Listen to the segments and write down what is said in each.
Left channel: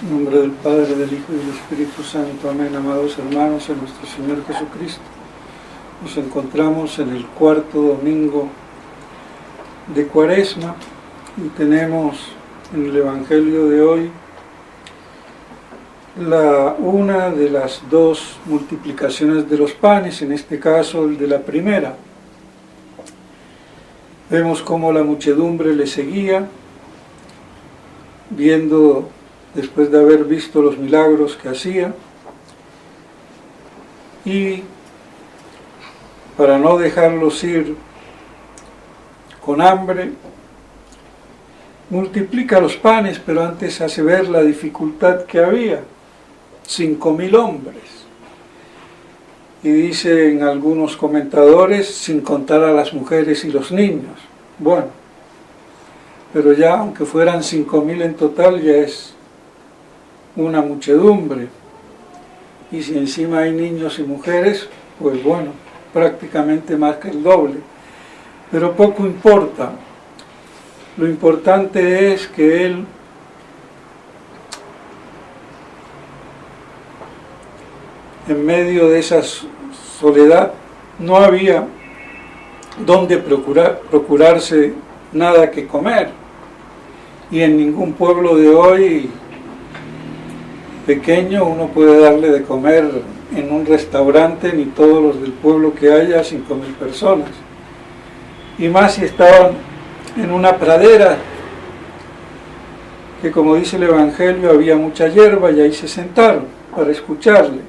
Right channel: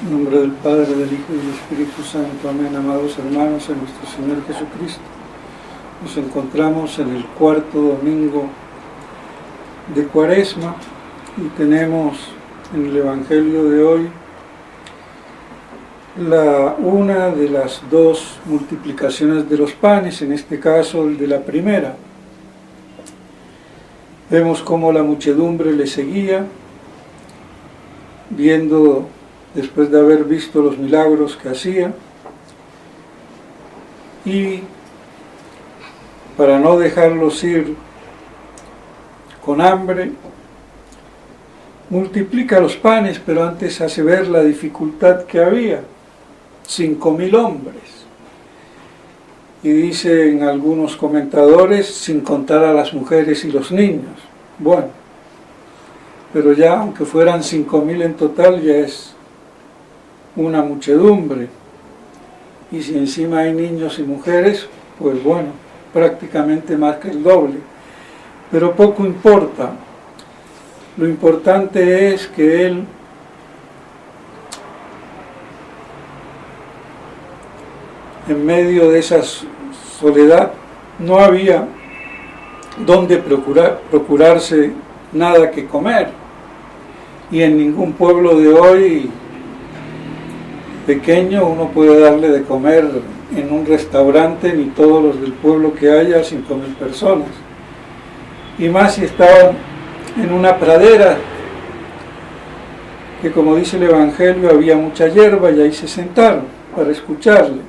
En nombre del Padre, del Hijo y del Espíritu Santo. Amén. Amados hermanos, en nuestro Señor Jesucristo, nos encontramos en el cuarto domingo de Cuaresma y tenemos en el Evangelio de hoy una de las dos multiplicaciones de los panes, en este caso el de la primera. Vemos cómo la muchedumbre le seguía, viendo, después de haber visto los milagros que hacía, y para no dejarlos ir con hambre, multiplica los panes, pero antes hace ver la dificultad que había. 5.000 hombres. Y dicen algunos comentadores, sin contar a las mujeres y los niños. Bueno, pero ya aunque fueran 5.000 en total, ya es una muchedumbre. Y si encima hay niños y mujeres, pues bueno, prácticamente más que el doble. Pero poco importa. Lo importante es que Él en medio de esa soledad no había donde procurarse nada que comer. Y en ningún pueblo de hoy pequeño uno puede darle de comer en un restaurante, ni todos los del pueblo que haya, 5.000 personas. Y más si estaban en una pradera, que como dice el Evangelio, había mucha hierba y ahí se sentaron para escucharle.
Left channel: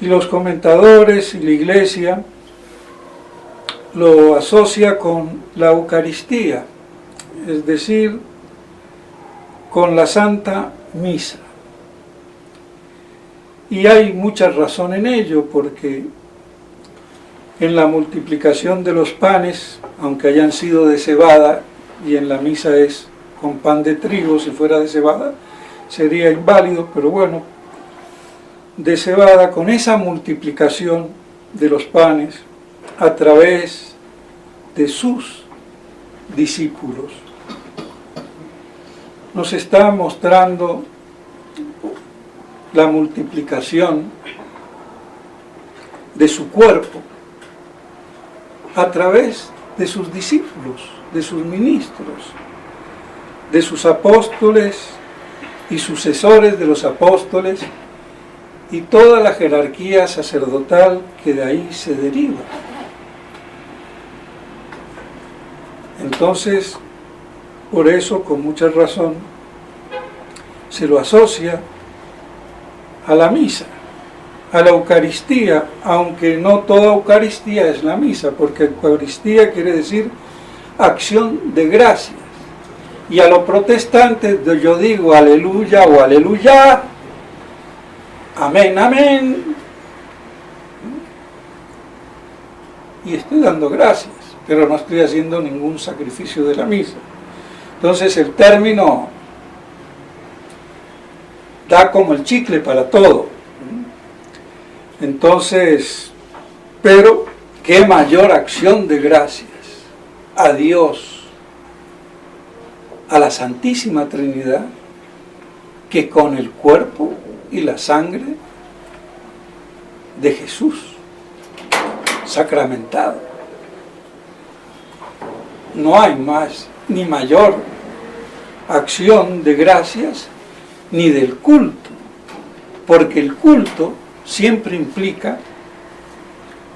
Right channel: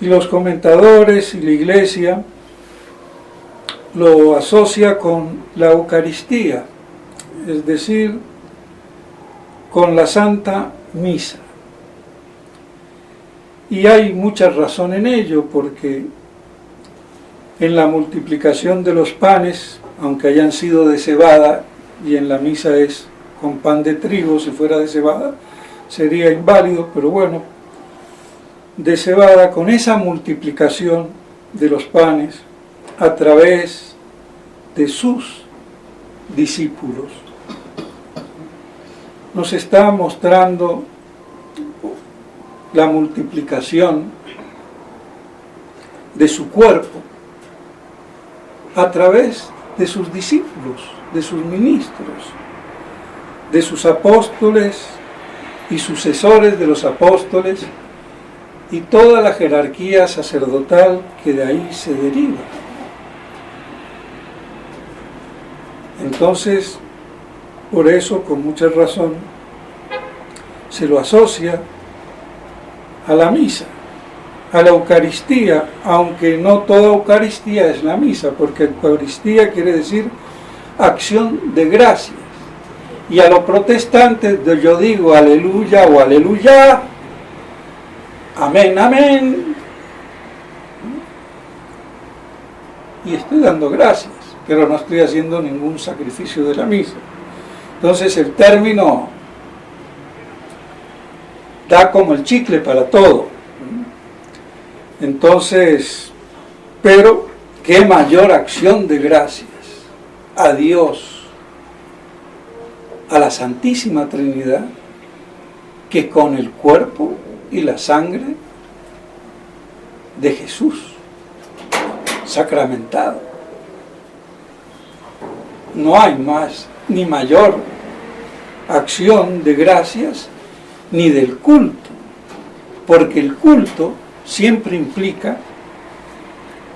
Y los comentadores y la Iglesia lo asocia con la Eucaristía, es decir, con la Santa Misa. Y hay mucha razón en ello, porque en la multiplicación de los panes, aunque hayan sido de cebada, y en la misa es con pan de trigo, si fuera de cebada sería inválido, pero bueno, de cebada, con esa multiplicación de los panes a través de sus discípulos, nos está mostrando la multiplicación de su cuerpo a través de sus discípulos, de sus ministros, de sus apóstoles y sucesores de los apóstoles, y toda la jerarquía sacerdotal que de ahí se deriva. Entonces, por eso, con mucha razón, se lo asocia a la misa, a la Eucaristía, aunque no toda Eucaristía es la misa, porque Eucaristía quiere decir acción de gracias. Y a los protestantes yo digo aleluya o aleluya, amén, amén, y estoy dando gracias, pero no estoy haciendo ningún sacrificio de la misa. Entonces el término da como el chicle para todo. Entonces, pero qué mayor acción de gracias a Dios, a la Santísima Trinidad, que con el cuerpo y la sangre de Jesús sacramentado. No hay más ni mayor acción de gracias ni del culto, porque el culto siempre implica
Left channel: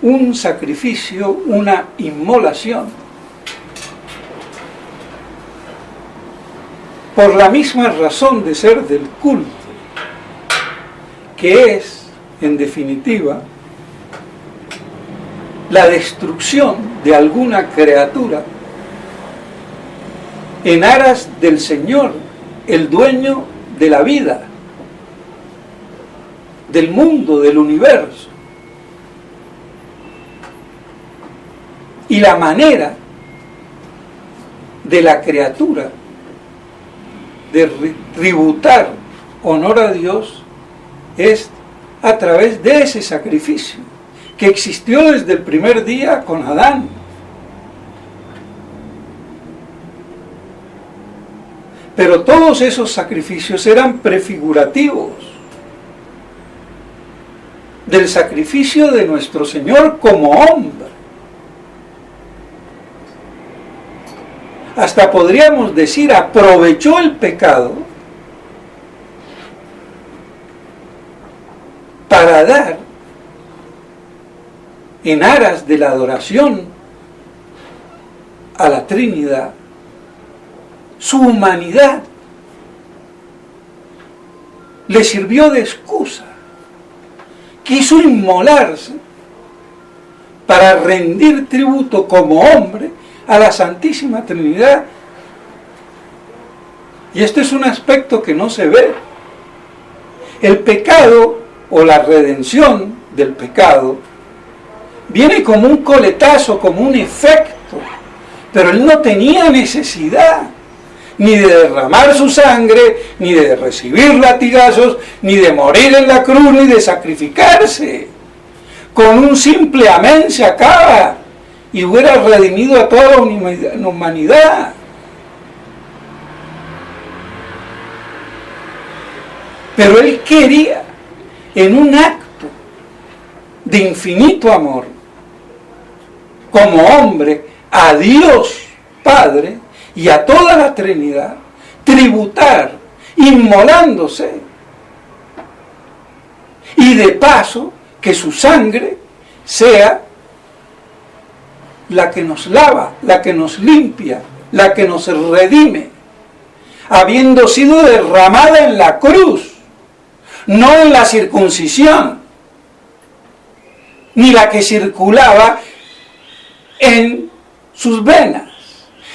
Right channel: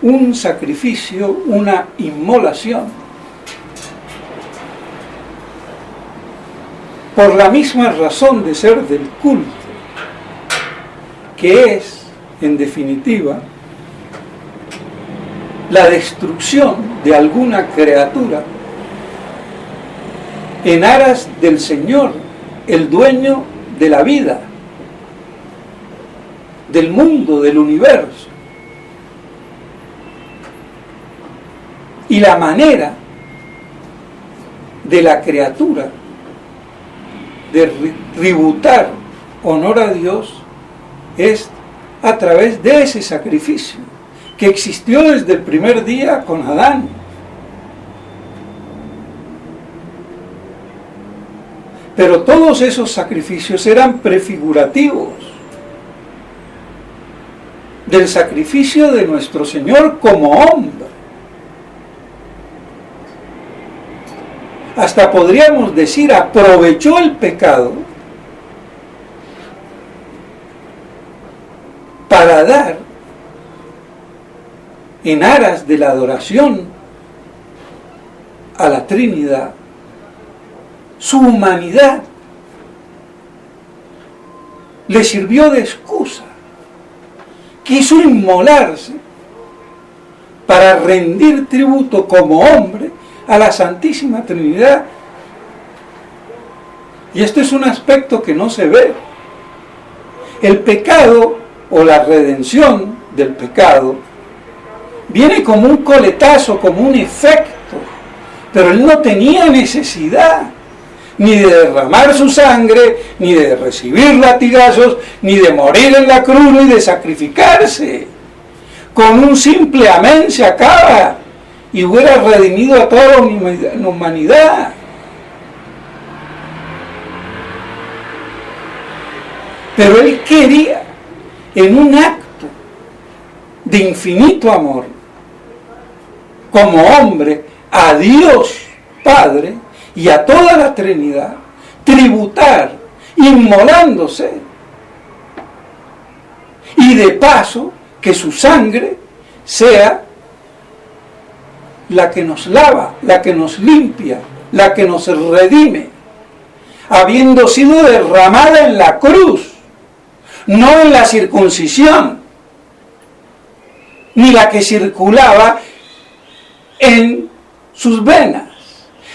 un sacrificio, una inmolación. Por la misma razón de ser del culto, que es, en definitiva, la destrucción de alguna criatura en aras del Señor, el dueño de la vida, del mundo, del universo. Y la manera de la criatura de tributar honor a Dios es a través de ese sacrificio que existió desde el primer día con Adán. Pero todos esos sacrificios eran prefigurativos del sacrificio de nuestro Señor como hombre. Hasta podríamos decir, aprovechó el pecado para dar, en aras de la adoración a la Trinidad, su humanidad. Le sirvió de excusa. Quiso inmolarse para rendir tributo como hombre a la Santísima Trinidad. Y este es un aspecto que no se ve. El pecado o la redención del pecado viene como un coletazo, como un efecto, pero él no tenía necesidad ni de derramar su sangre, ni de recibir latigazos, ni de morir en la cruz, ni de sacrificarse. Con un simple amén se acaba y hubiera redimido a toda la humanidad. Pero él quería, en un acto de infinito amor, como hombre, a Dios Padre y a toda la Trinidad, tributar, inmolándose, y de paso que su sangre sea la que nos lava, la que nos limpia, la que nos redime, habiendo sido derramada en la cruz, no en la circuncisión, ni la que circulaba en sus venas,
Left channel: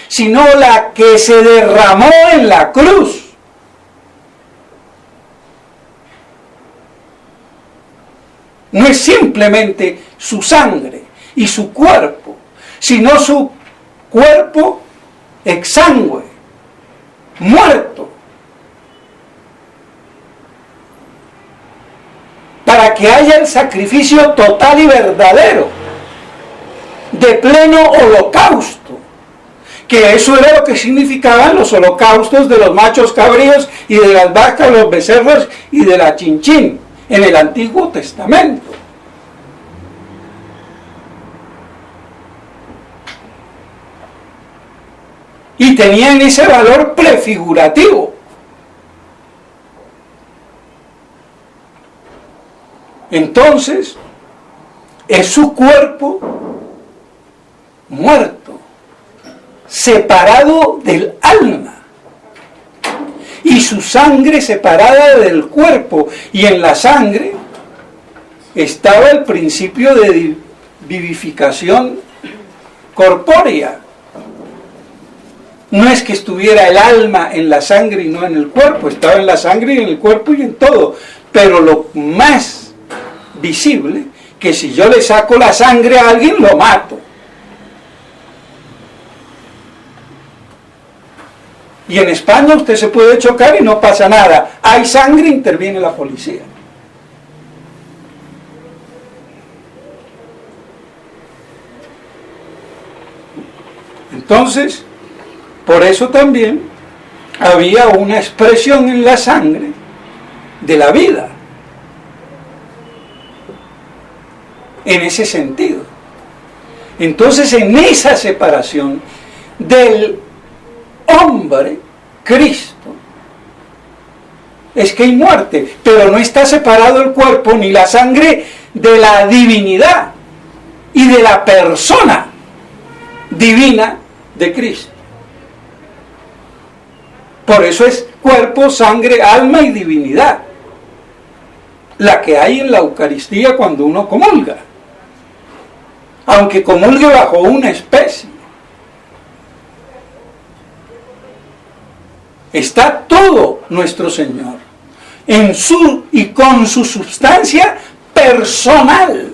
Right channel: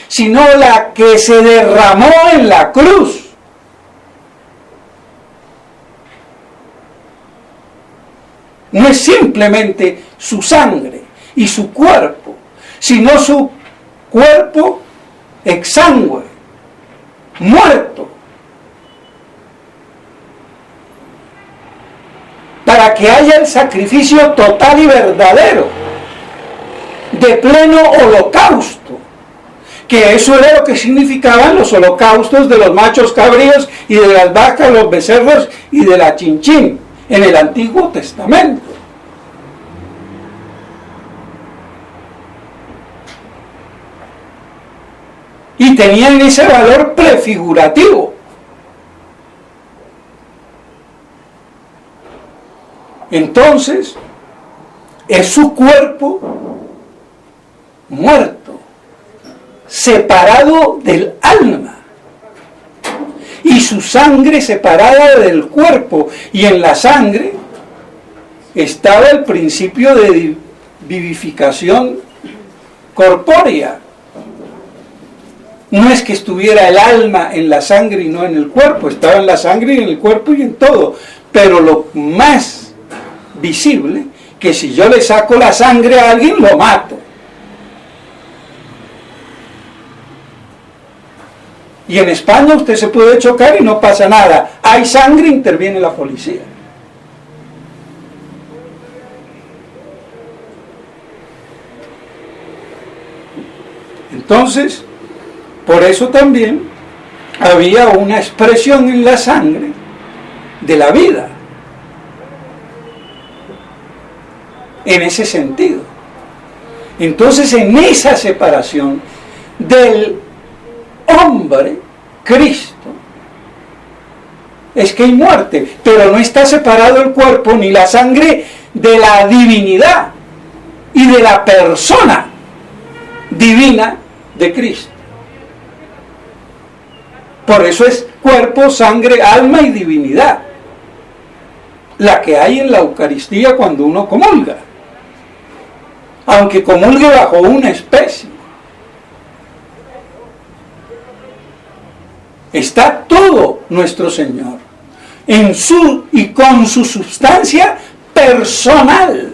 sino la que se derramó en la cruz. No es simplemente su sangre y su cuerpo, sino su cuerpo exangüe, muerto, para que haya el sacrificio total y verdadero, de pleno holocausto, que eso era lo que significaban los holocaustos de los machos cabríos y de las vacas, los becerros y de la chinchín en el Antiguo Testamento. Y tenían ese valor prefigurativo. Entonces, es su cuerpo muerto, separado del alma, y su sangre separada del cuerpo, y en la sangre estaba el principio de vivificación corpórea. No es que estuviera el alma en la sangre y no en el cuerpo, estaba en la sangre y en el cuerpo y en todo, pero lo más visible, que si yo le saco la sangre a alguien, lo mato. Y en España usted se puede chocar y no pasa nada. Hay sangre, interviene la policía. Entonces, por eso también había una expresión en la sangre de la vida. En ese sentido. Entonces, en esa separación del hombre, Cristo, es que hay muerte, pero no está separado el cuerpo ni la sangre de la divinidad y de la persona divina de Cristo. Por eso es cuerpo, sangre, alma y divinidad, la que hay en la Eucaristía cuando uno comulga, aunque comulgue bajo una especie. Está todo nuestro Señor en su y con su substancia personal.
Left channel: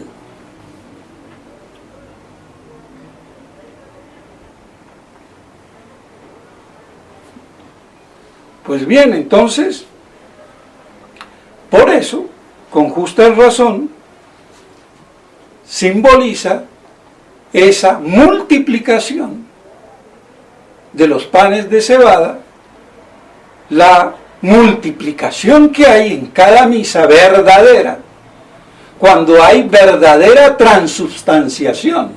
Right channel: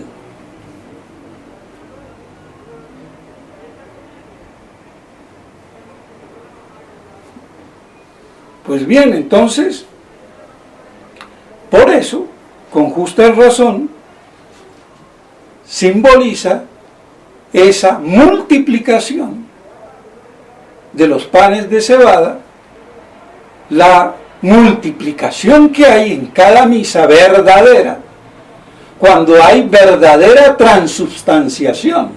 Pues bien, entonces, por eso, con justa razón, simboliza esa multiplicación de los panes de cebada la multiplicación que hay en cada misa verdadera, cuando hay verdadera transubstanciación,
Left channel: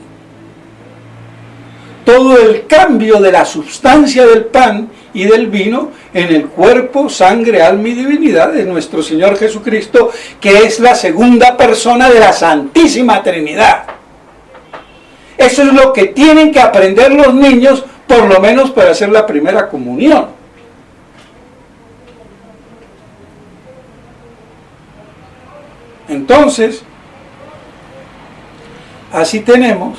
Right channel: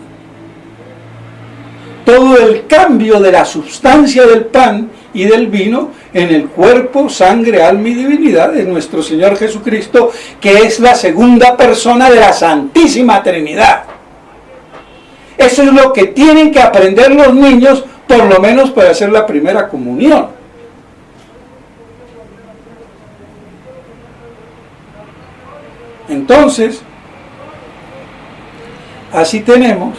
todo el cambio de la sustancia del pan y del vino en el cuerpo, sangre, alma y divinidad de nuestro Señor Jesucristo, que es la segunda persona de la Santísima Trinidad. Eso es lo que tienen que aprender los niños, por lo menos para hacer la primera comunión. Entonces, así tenemos,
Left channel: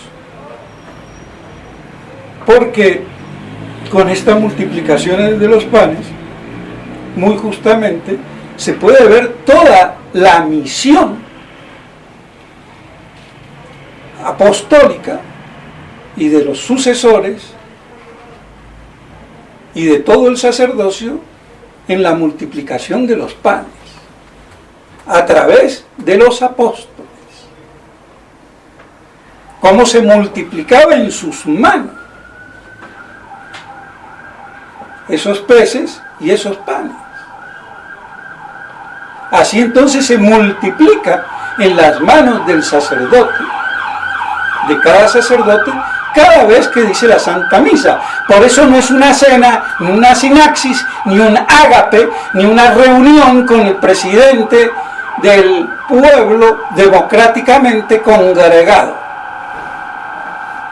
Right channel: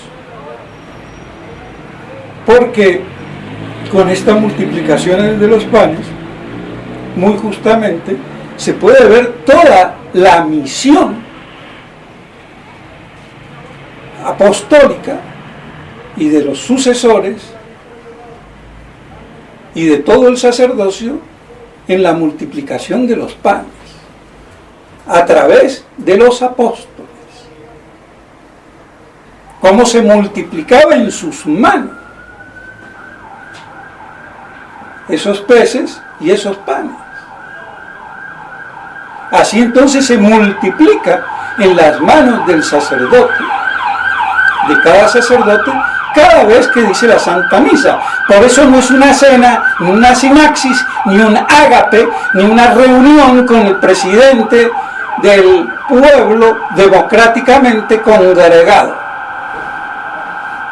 porque con esta multiplicación de los panes, muy justamente, se puede ver toda la misión apostólica y de los sucesores y de todo el sacerdocio en la multiplicación de los panes a través de los apóstoles. Cómo se multiplicaba en sus manos esos peces y esos panes. Así entonces se multiplica en las manos del sacerdote, de cada sacerdote, cada vez que dice la Santa Misa. Por eso no es una cena, ni una sinaxis, ni un ágape, ni una reunión con el presidente del pueblo democráticamente congregado.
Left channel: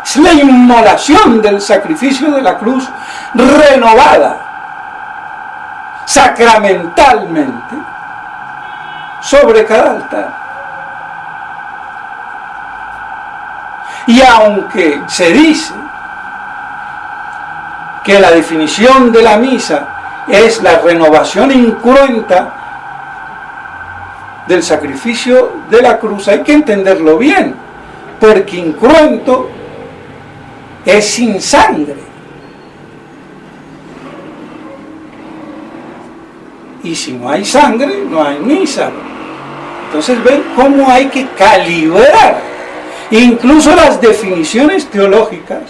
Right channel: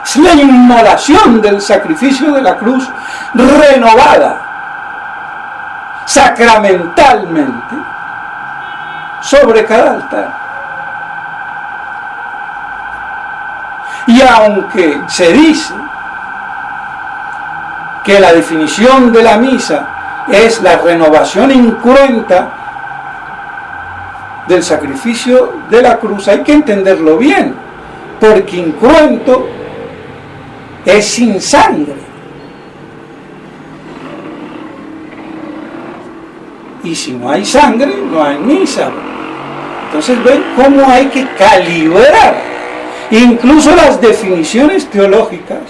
Es la inmolación del sacrificio de la cruz renovada sacramentalmente sobre cada altar. Y aunque se dice que la definición de la misa es la renovación incruenta del sacrificio de la cruz, hay que entenderlo bien, porque incruento es sin sangre. Y si no hay sangre, no hay misa. Entonces ven cómo hay que calibrar incluso las definiciones teológicas,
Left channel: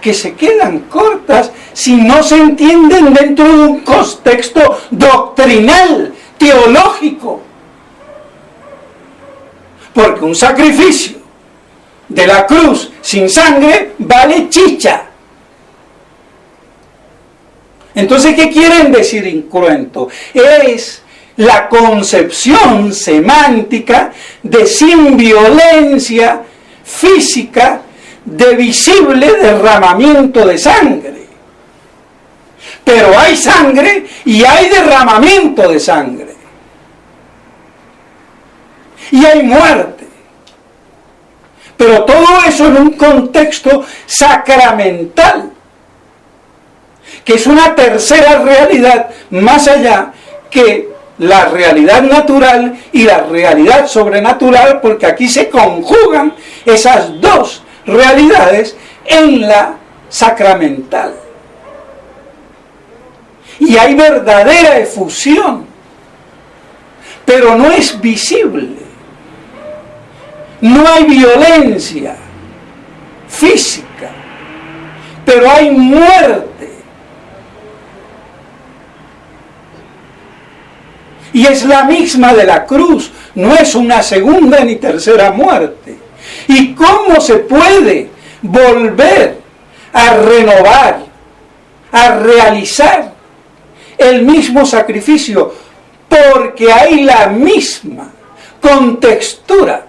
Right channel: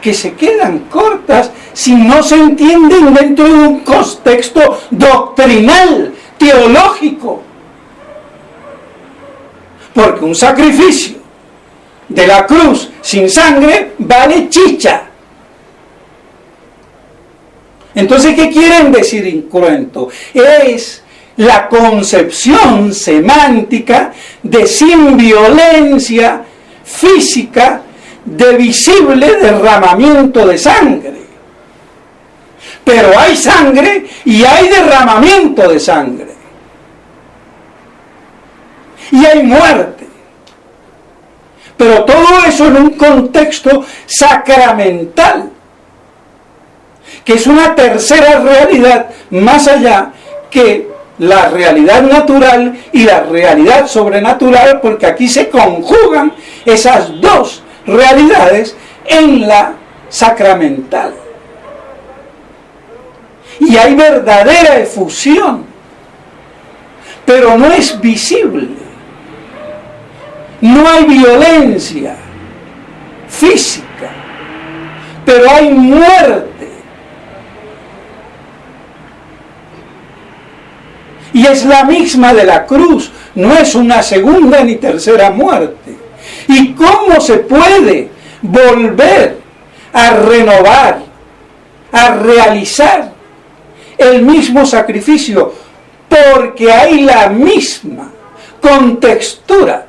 que se quedan cortas si no se entienden dentro de un contexto doctrinal, teológico. Porque un sacrificio de la cruz sin sangre vale chicha. Entonces, ¿qué quieren decir incruento? Es la concepción semántica de sin violencia física de visible derramamiento de sangre. Pero hay sangre y hay derramamiento de sangre. Y hay muerte. Pero todo eso en un contexto sacramental, que es una tercera realidad más allá que la realidad natural y la realidad sobrenatural, porque aquí se conjugan esas dos realidades en la sacramental. Y hay verdadera efusión, pero no es visible. No hay violencia física, pero hay muerte. Y es la misma de la cruz, no es una segunda ni tercera muerte. ¿Y cómo se puede volver a renovar, a realizar el mismo sacrificio? Porque hay la misma contextura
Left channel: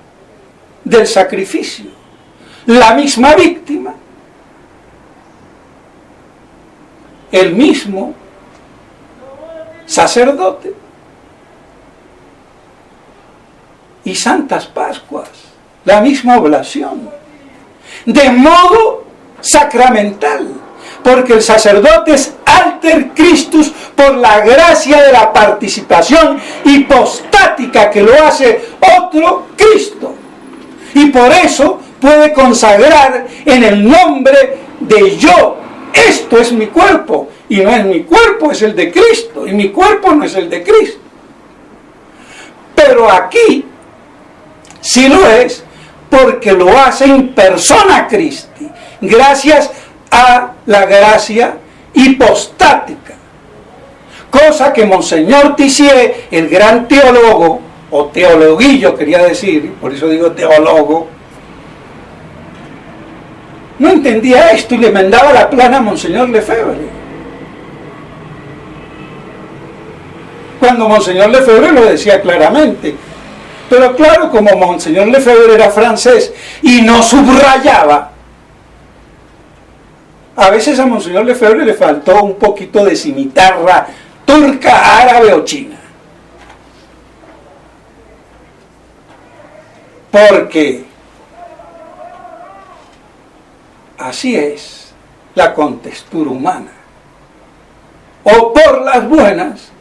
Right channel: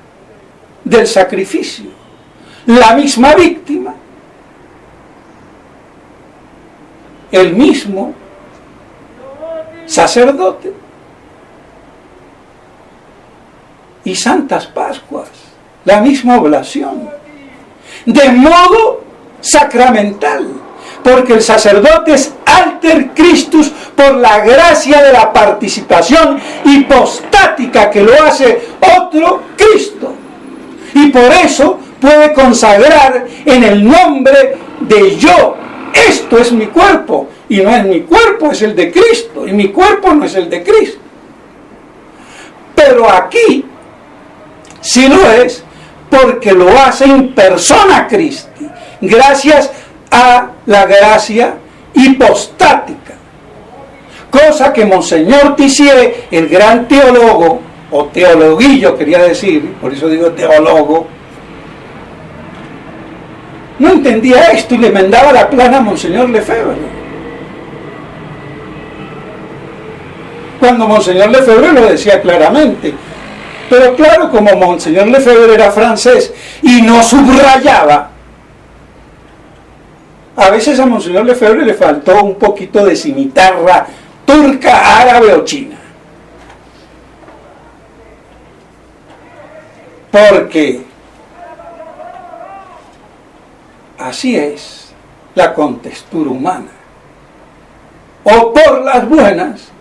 del sacrificio, la misma víctima, el mismo sacerdote y Santas Pascuas, la misma oblación, de modo sacramental, porque el sacerdote es alter Christus por la gracia de la participación hipostática que lo hace otro Cristo. Y por eso puede consagrar en el nombre de yo. Esto es mi cuerpo, y no es mi cuerpo, es el de Cristo, y mi cuerpo no es el de Cristo. Pero aquí sí lo es, porque lo hace en persona Christi, gracias a la gracia hipostática. Cosa que Monseñor Tissier, el gran teólogo, o teologuillo quería decir, por eso digo teólogo, no entendía esto y le mandaba la plana a Monseñor Lefebvre. Cuando Monseñor Lefebvre lo decía claramente. Pero claro, como Monseñor Lefebvre era francés y no subrayaba, a veces a Monseñor Lefebvre le faltó un poquito de cimitarra turca, árabe o china. Porque así es la contextura humana. O por las buenas,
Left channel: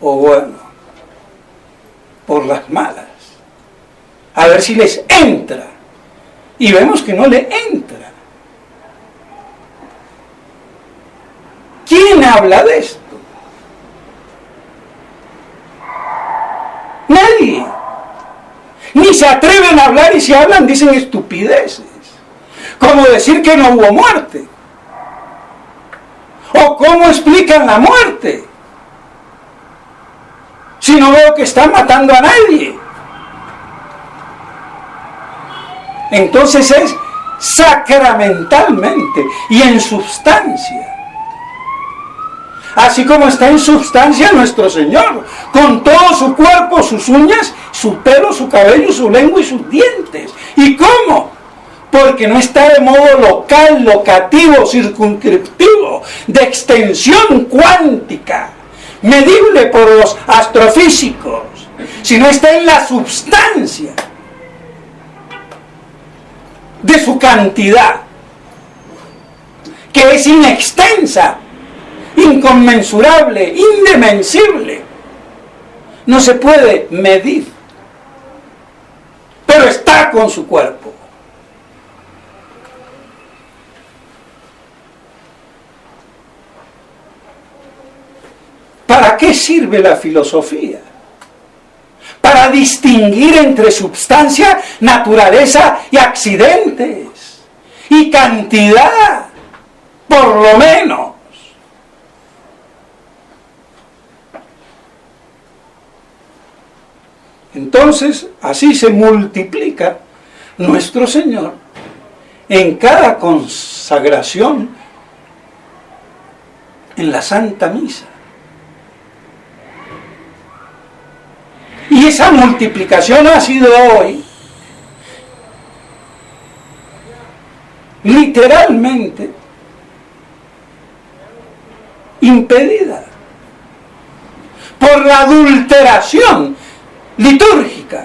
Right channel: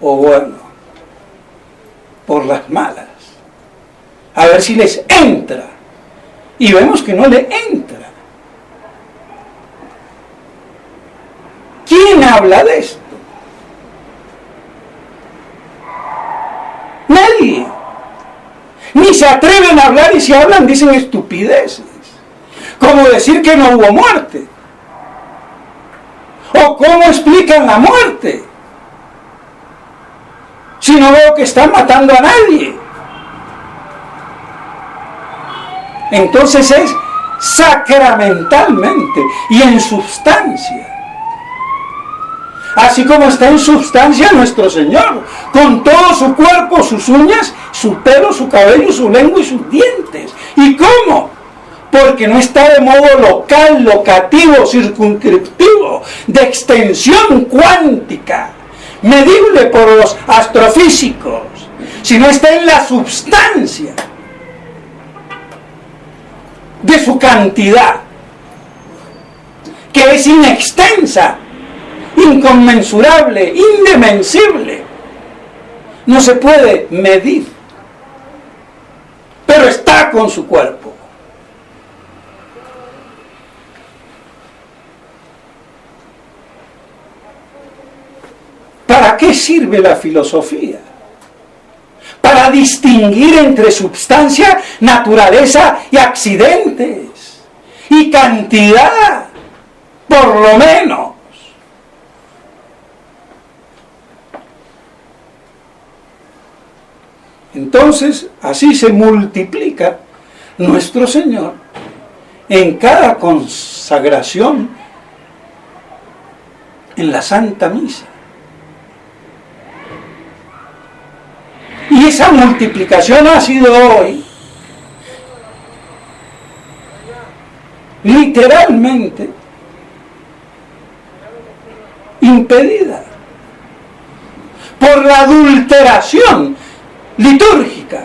o bueno, por las malas. A ver si les entra. Y vemos que no le entra. ¿Quién habla de esto? Nadie. Ni se atreven a hablar, y si hablan dicen estupideces. Como decir que no hubo muerte. O cómo explican la muerte. Si no veo que están matando a nadie. Entonces es sacramentalmente y en substancia. Así como está en substancia nuestro Señor, con todo su cuerpo, sus uñas, su pelo, su cabello, su lengua y sus dientes. ¿Y cómo? Porque no está de modo local, locativo, circunscriptivo, de extensión cuántica, medible por los astrofísicos, sino está en la substancia de su cantidad, que es inextensa, inconmensurable, indimensible. No se puede medir, pero está con su cuerpo. ¿Para qué sirve la filosofía? Para distinguir entre substancia, naturaleza y accidentes, y cantidad, por lo menos. Entonces, así se multiplica nuestro Señor en cada consagración en la Santa Misa. Y esa multiplicación ha sido hoy literalmente impedida por la adulteración litúrgica,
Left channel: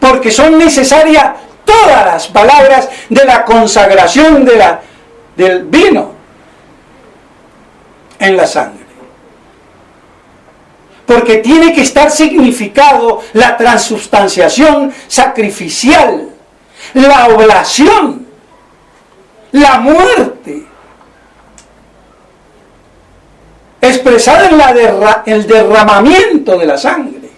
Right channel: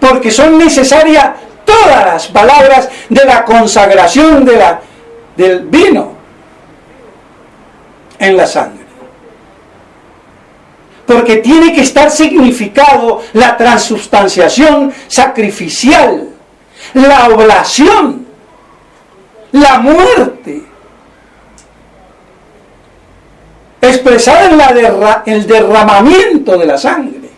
porque son necesarias todas las palabras de la consagración del vino en la sangre, porque tiene que estar significado la transubstanciación sacrificial, la oblación, la muerte, expresada en el derramamiento de la sangre.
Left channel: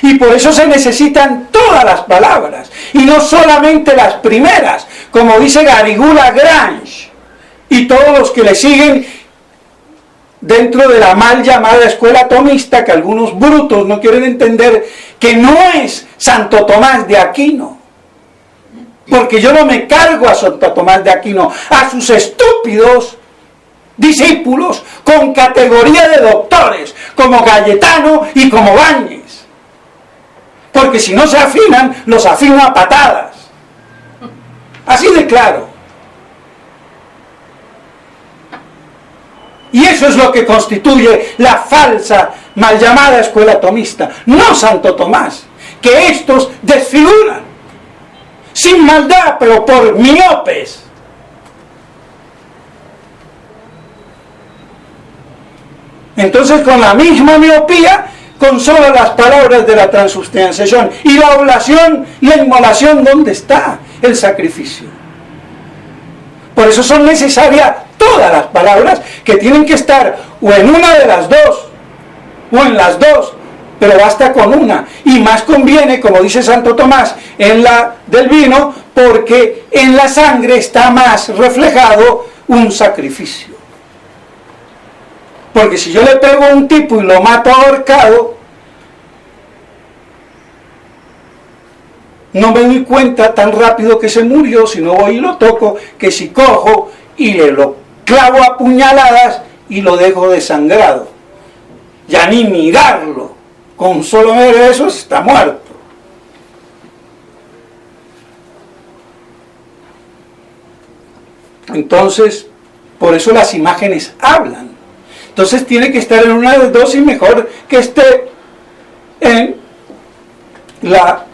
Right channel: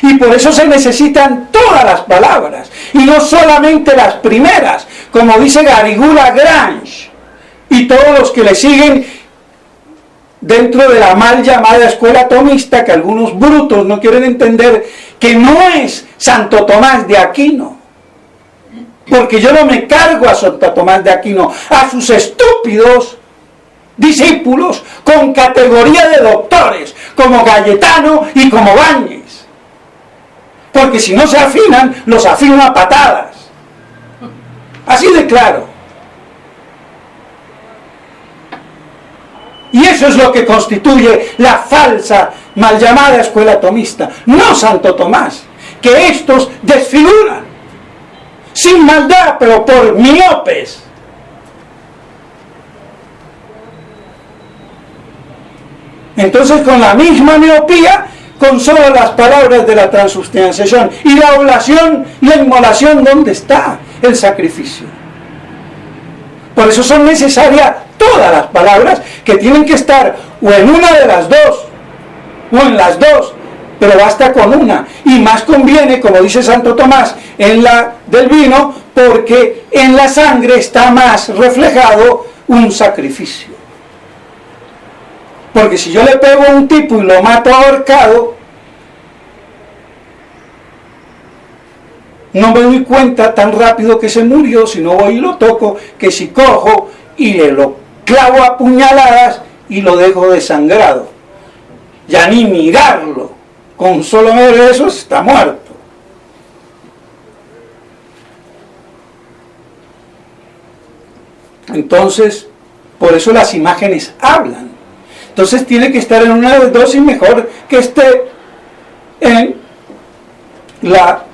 Y por eso se necesitan todas las palabras, y no solamente las primeras, como dice Garrigou-Lagrange, y todos los que le siguen dentro de la mal llamada escuela tomista, que algunos brutos no quieren entender, que no es Santo Tomás de Aquino. Porque yo no me cargo a Santo Tomás de Aquino, a sus estúpidos discípulos con categoría de doctores, como Cayetano y como Báñez. Porque si no se afinan, los afino a patadas. Así de claro. Y eso es lo que constituye la falsa, mal llamada escuela tomista. No Santo Tomás, que estos desfiguran, sin maldad, pero por miopes. Entonces, con la misma miopía, con solo las palabras de la transubstanciación y la oblación, la inmolación, ¿dónde está el sacrificio? Por eso son necesarias todas las palabras, que tienen que estar o en una de las dos, o en las dos, pero basta con una. Y más conviene, como dice Santo Tomás, en la del vino, porque en la sangre está más reflejado un sacrificio. Porque si yo le pego a un tipo y lo mato ahorcado, no me doy cuenta tan rápido que se murió, si no voy y lo toco, que si cojo y le lo clavo a puñaladas y lo dejo desangrado. Ya ni mirarlo, con solo ver eso está muerto. Entonces, por eso las imágenes hablan. Entonces tiene que estar en una dosis mejor que esté en la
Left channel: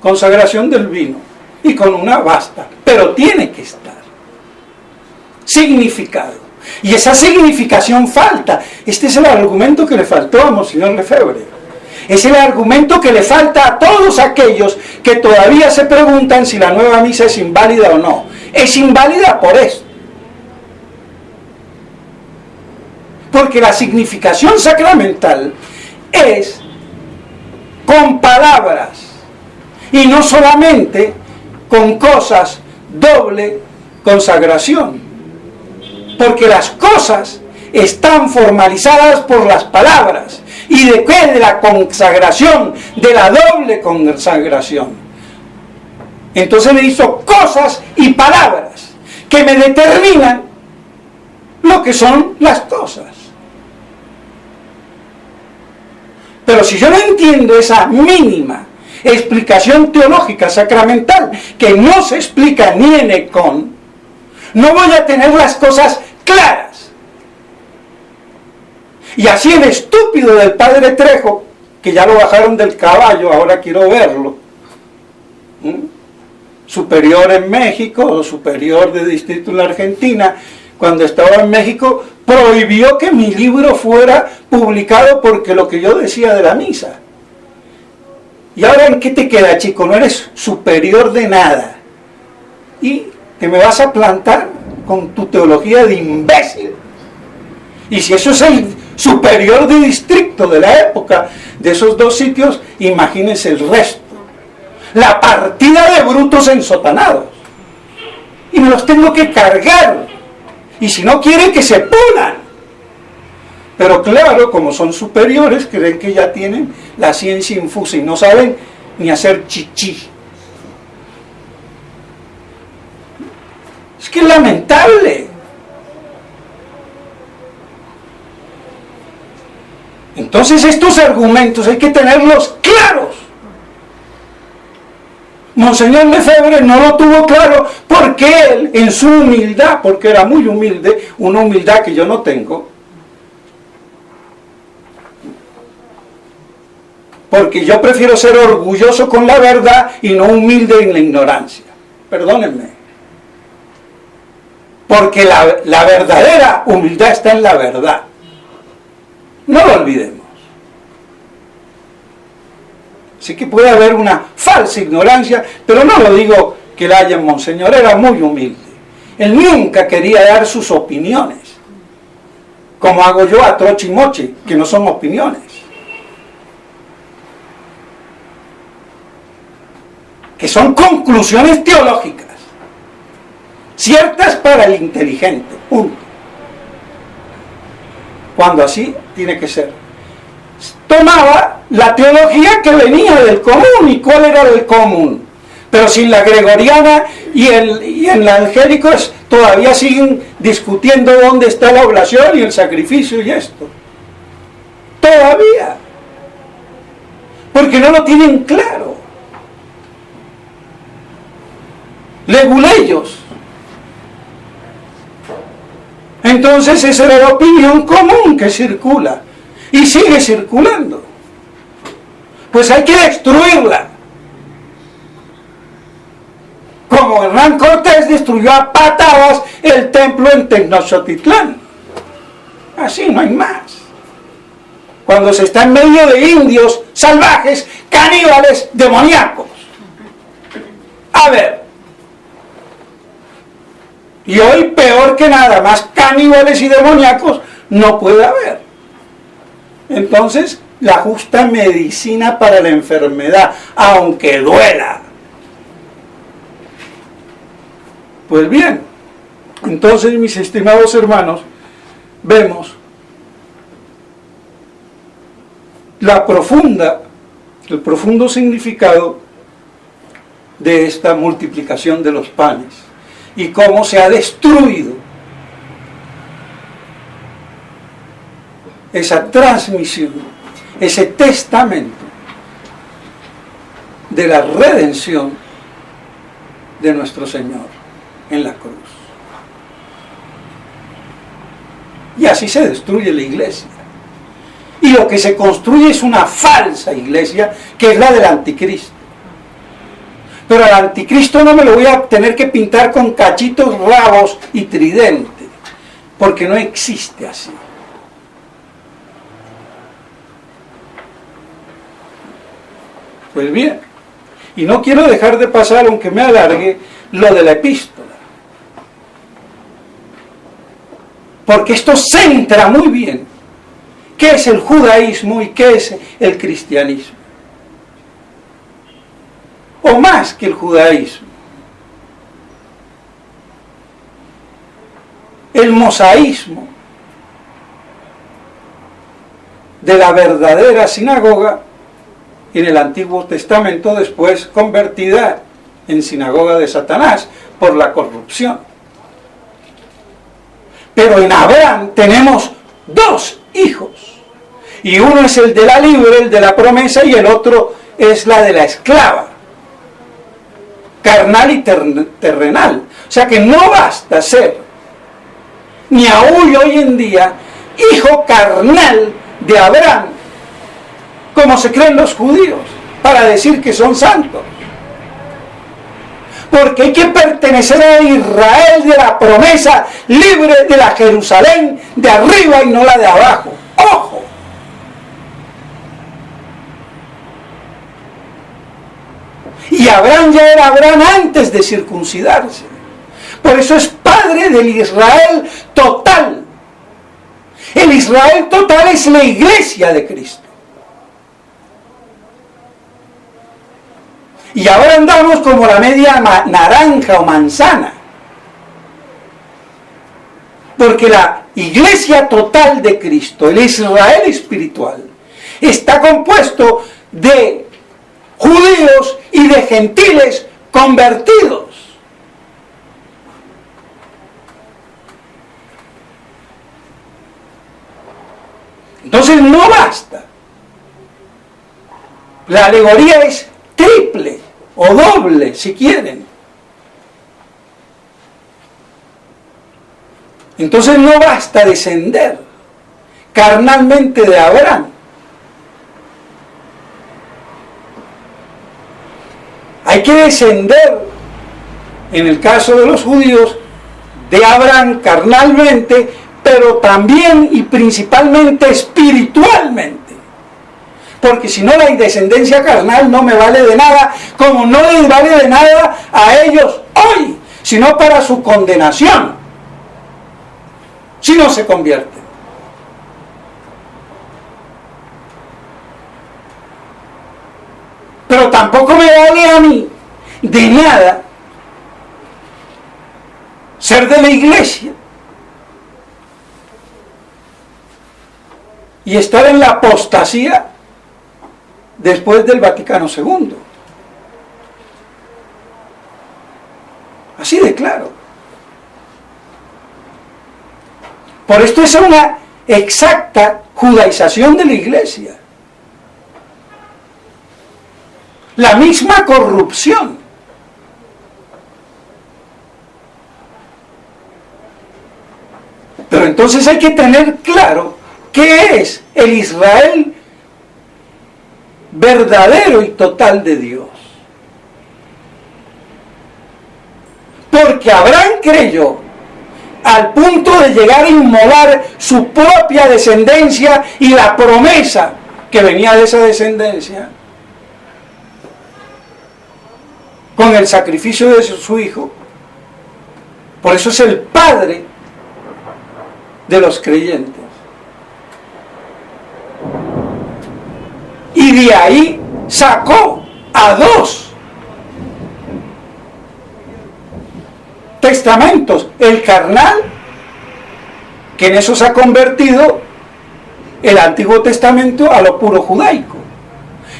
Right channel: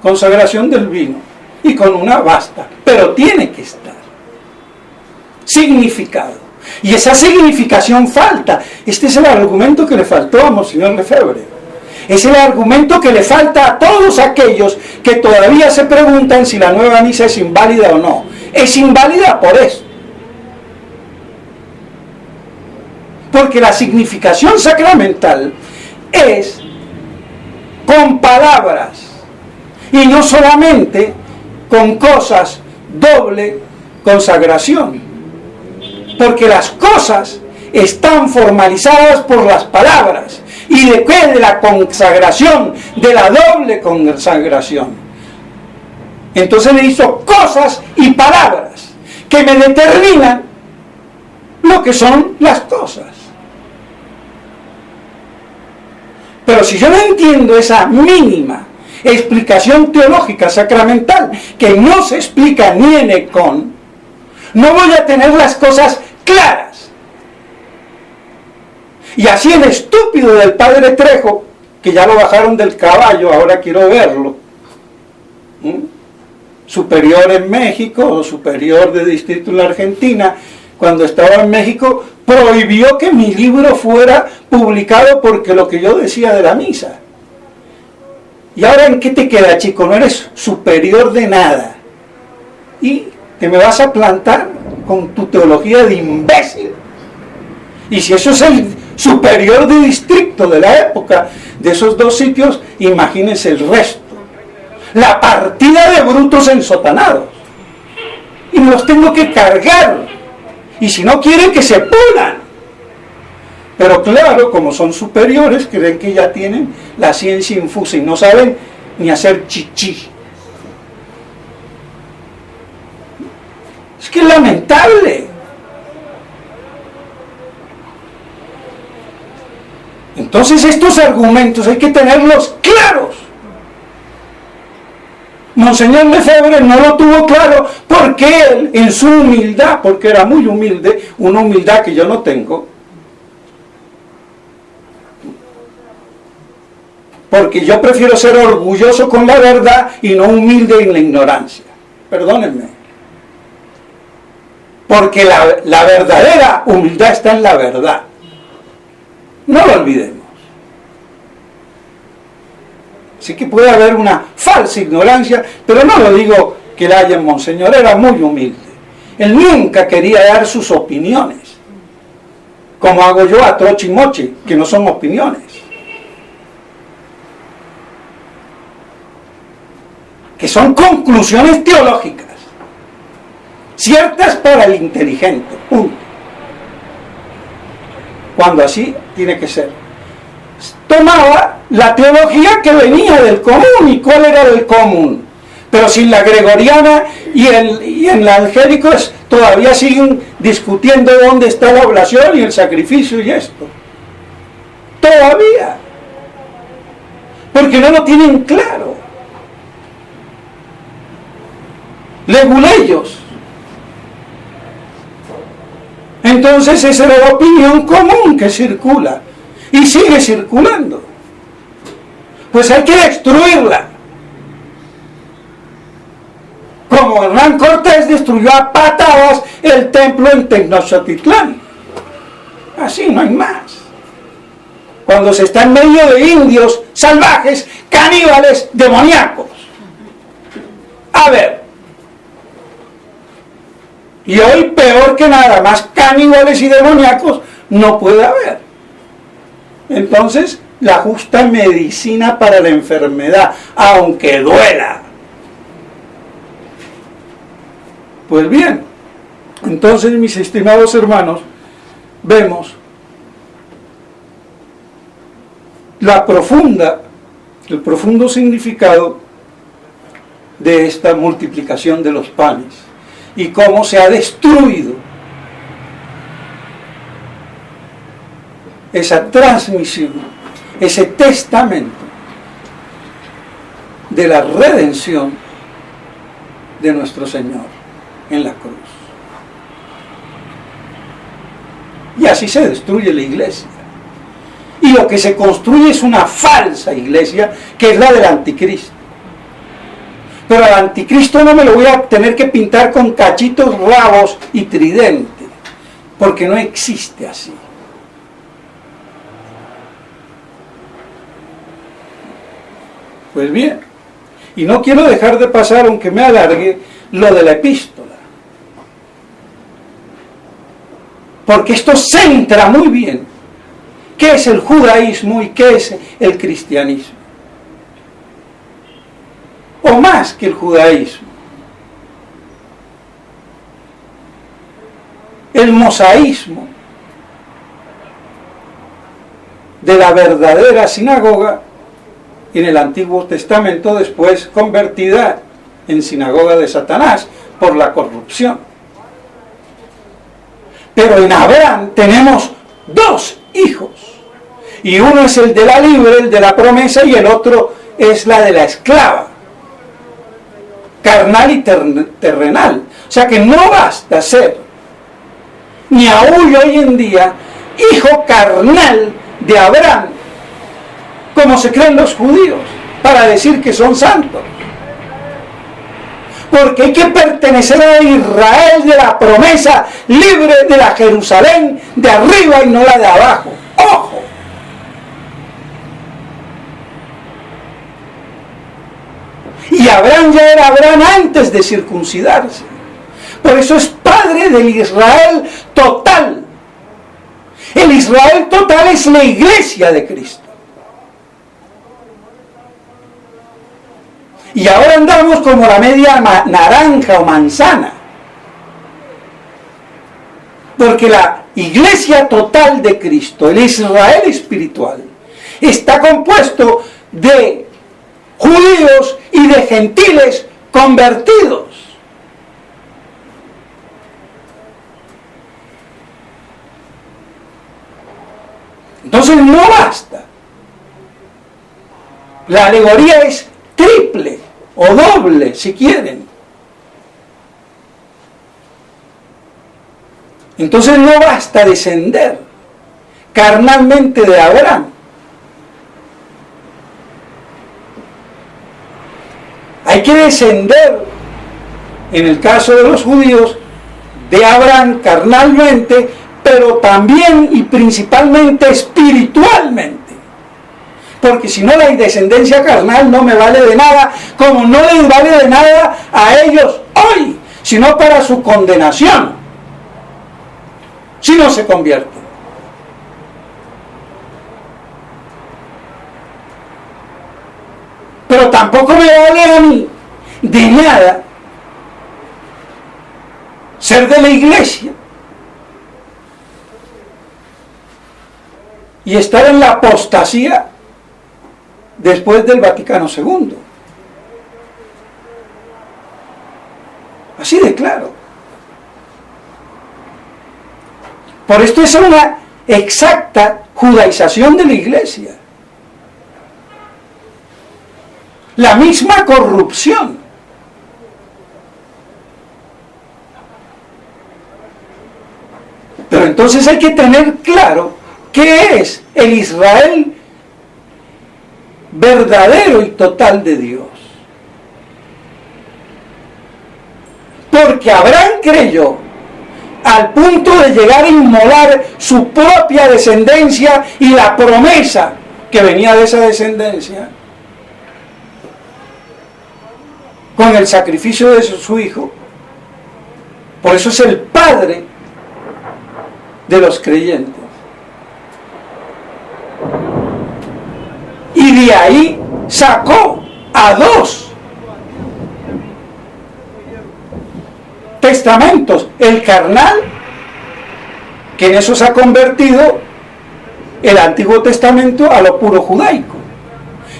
consagración del vino. Y con una basta, pero tiene que estar significado. Y esa significación falta. Este es el argumento que le faltó a Monseñor Lefebvre. Es el argumento que le falta a todos aquellos que todavía se preguntan si la nueva misa es inválida o no. Es inválida por esto. Porque la significación sacramental es con palabras y no solamente con cosas doble consagración. Porque las cosas están formalizadas por las palabras. ¿Y de qué? De la consagración, de la doble consagración. Entonces le hizo cosas y palabras que me determinan lo que son las cosas. Pero si yo no entiendo esa mínima explicación teológica sacramental, que no se explica ni en Ecón, no voy a tener las cosas claras. Y así el estúpido del padre Trejo, que ya lo bajaron del caballo, ahora quiero verlo, superior en México o superior de distrito en la Argentina, cuando estaba en México, prohibió que mi libro fuera publicado porque lo que yo decía de la misa. ¿Y ahora en qué te queda, chico? No eres superior de nada. ¿Y que me vas a plantar con tu teología de imbécil? Y si eso es el superior de distrito de la época, de esos dos sitios, imagínense el resto. La partida de brutos ensotanados. Y me los tengo que cargar. Y si no quieren, que se pulan. Pero claro, como son superiores, creen que ya tienen la ciencia infusa y no saben ni hacer chichi. Es que es lamentable. Entonces estos argumentos hay que tenerlos claros. Monseñor Lefebvre no lo tuvo claro porque él, en su humildad, porque era muy humilde, una humildad que yo no tengo, porque yo prefiero ser orgulloso con la verdad y no humilde en la ignorancia. Perdónenme. Porque la verdadera humildad está en la verdad. No lo olvidemos. Así que puede haber una falsa ignorancia, pero no lo digo que la haya en Monseñor, era muy humilde. Él nunca quería dar sus opiniones, como hago yo a troche y moche, que no son opiniones. Que son conclusiones teológicas, ciertas para el inteligente, punto. Cuando así tiene que ser. Tomaba la teología que venía del común. ¿Y cuál era el común? Pero sin la gregoriana y en la angélico todavía siguen discutiendo dónde está la oblación y el sacrificio y esto. Todavía. Porque no lo tienen claro. Leguleyos. Entonces esa era la opinión común que circula. Y sigue circulando. Pues hay que destruirla. Como Hernán Cortés destruyó a patadas el templo en Tenochtitlán. Así, no hay más. Cuando se está en medio de indios salvajes, caníbales, demoníacos. A ver. Y hoy peor que nada, más caníbales y demoníacos no puede haber. Entonces, la justa medicina para la enfermedad, aunque duela. Pues bien, entonces mis estimados hermanos, vemos el profundo significado de esta multiplicación de los panes y cómo se ha destruido esa transmisión, ese testamento de la redención de nuestro Señor en la cruz. Y así se destruye la iglesia. Y lo que se construye es una falsa iglesia, que es la del anticristo. Pero al anticristo no me lo voy a tener que pintar con cachitos, rabos y tridente, porque no existe así. Pues bien, y no quiero dejar de pasar, aunque me alargue, lo de la epístola. Porque esto centra muy bien qué es el judaísmo y qué es el cristianismo. O más que el judaísmo. El mosaísmo de la verdadera sinagoga en el Antiguo Testamento, después convertida en sinagoga de Satanás por la corrupción. Pero en Abraham tenemos dos hijos, y uno es el de la libre, el de la promesa, y el otro es la de la esclava, carnal y terrenal. O sea que no basta ser, ni aún hoy en día, hijo carnal de Abraham, como se creen los judíos, para decir que son santos. Porque hay que pertenecer a Israel de la promesa, libre de la Jerusalén de arriba y no la de abajo. ¡Ojo! Y Abraham ya era Abraham antes de circuncidarse. Por eso es padre del Israel total. El Israel total es la iglesia de Cristo. Y ahora andamos como la media naranja o manzana. Porque la iglesia total de Cristo, el Israel espiritual, está compuesto de judíos y de gentiles convertidos. Entonces no basta. La alegoría es triple o doble, si quieren. Entonces no basta descender carnalmente de Abraham. Hay que descender, en el caso de los judíos, de Abraham carnalmente, pero también y principalmente espiritualmente. Porque si no, la descendencia carnal no me vale de nada, como no les vale de nada a ellos hoy, sino para su condenación, si no se convierten. Pero tampoco me vale a mí de nada ser de la iglesia y estar en la apostasía después del Vaticano II. Así de claro. Por esto es una exacta judaización de la iglesia. La misma corrupción. Pero entonces hay que tener claro qué es el Israel verdadero y total de Dios. Porque Abraham creyó al punto de llegar a inmolar su propia descendencia y la promesa que venía de esa descendencia con el sacrificio de su hijo. Por eso es el padre de los creyentes. Y de ahí sacó a dos testamentos: el carnal, que en eso se ha convertido el Antiguo Testamento a lo puro judaico.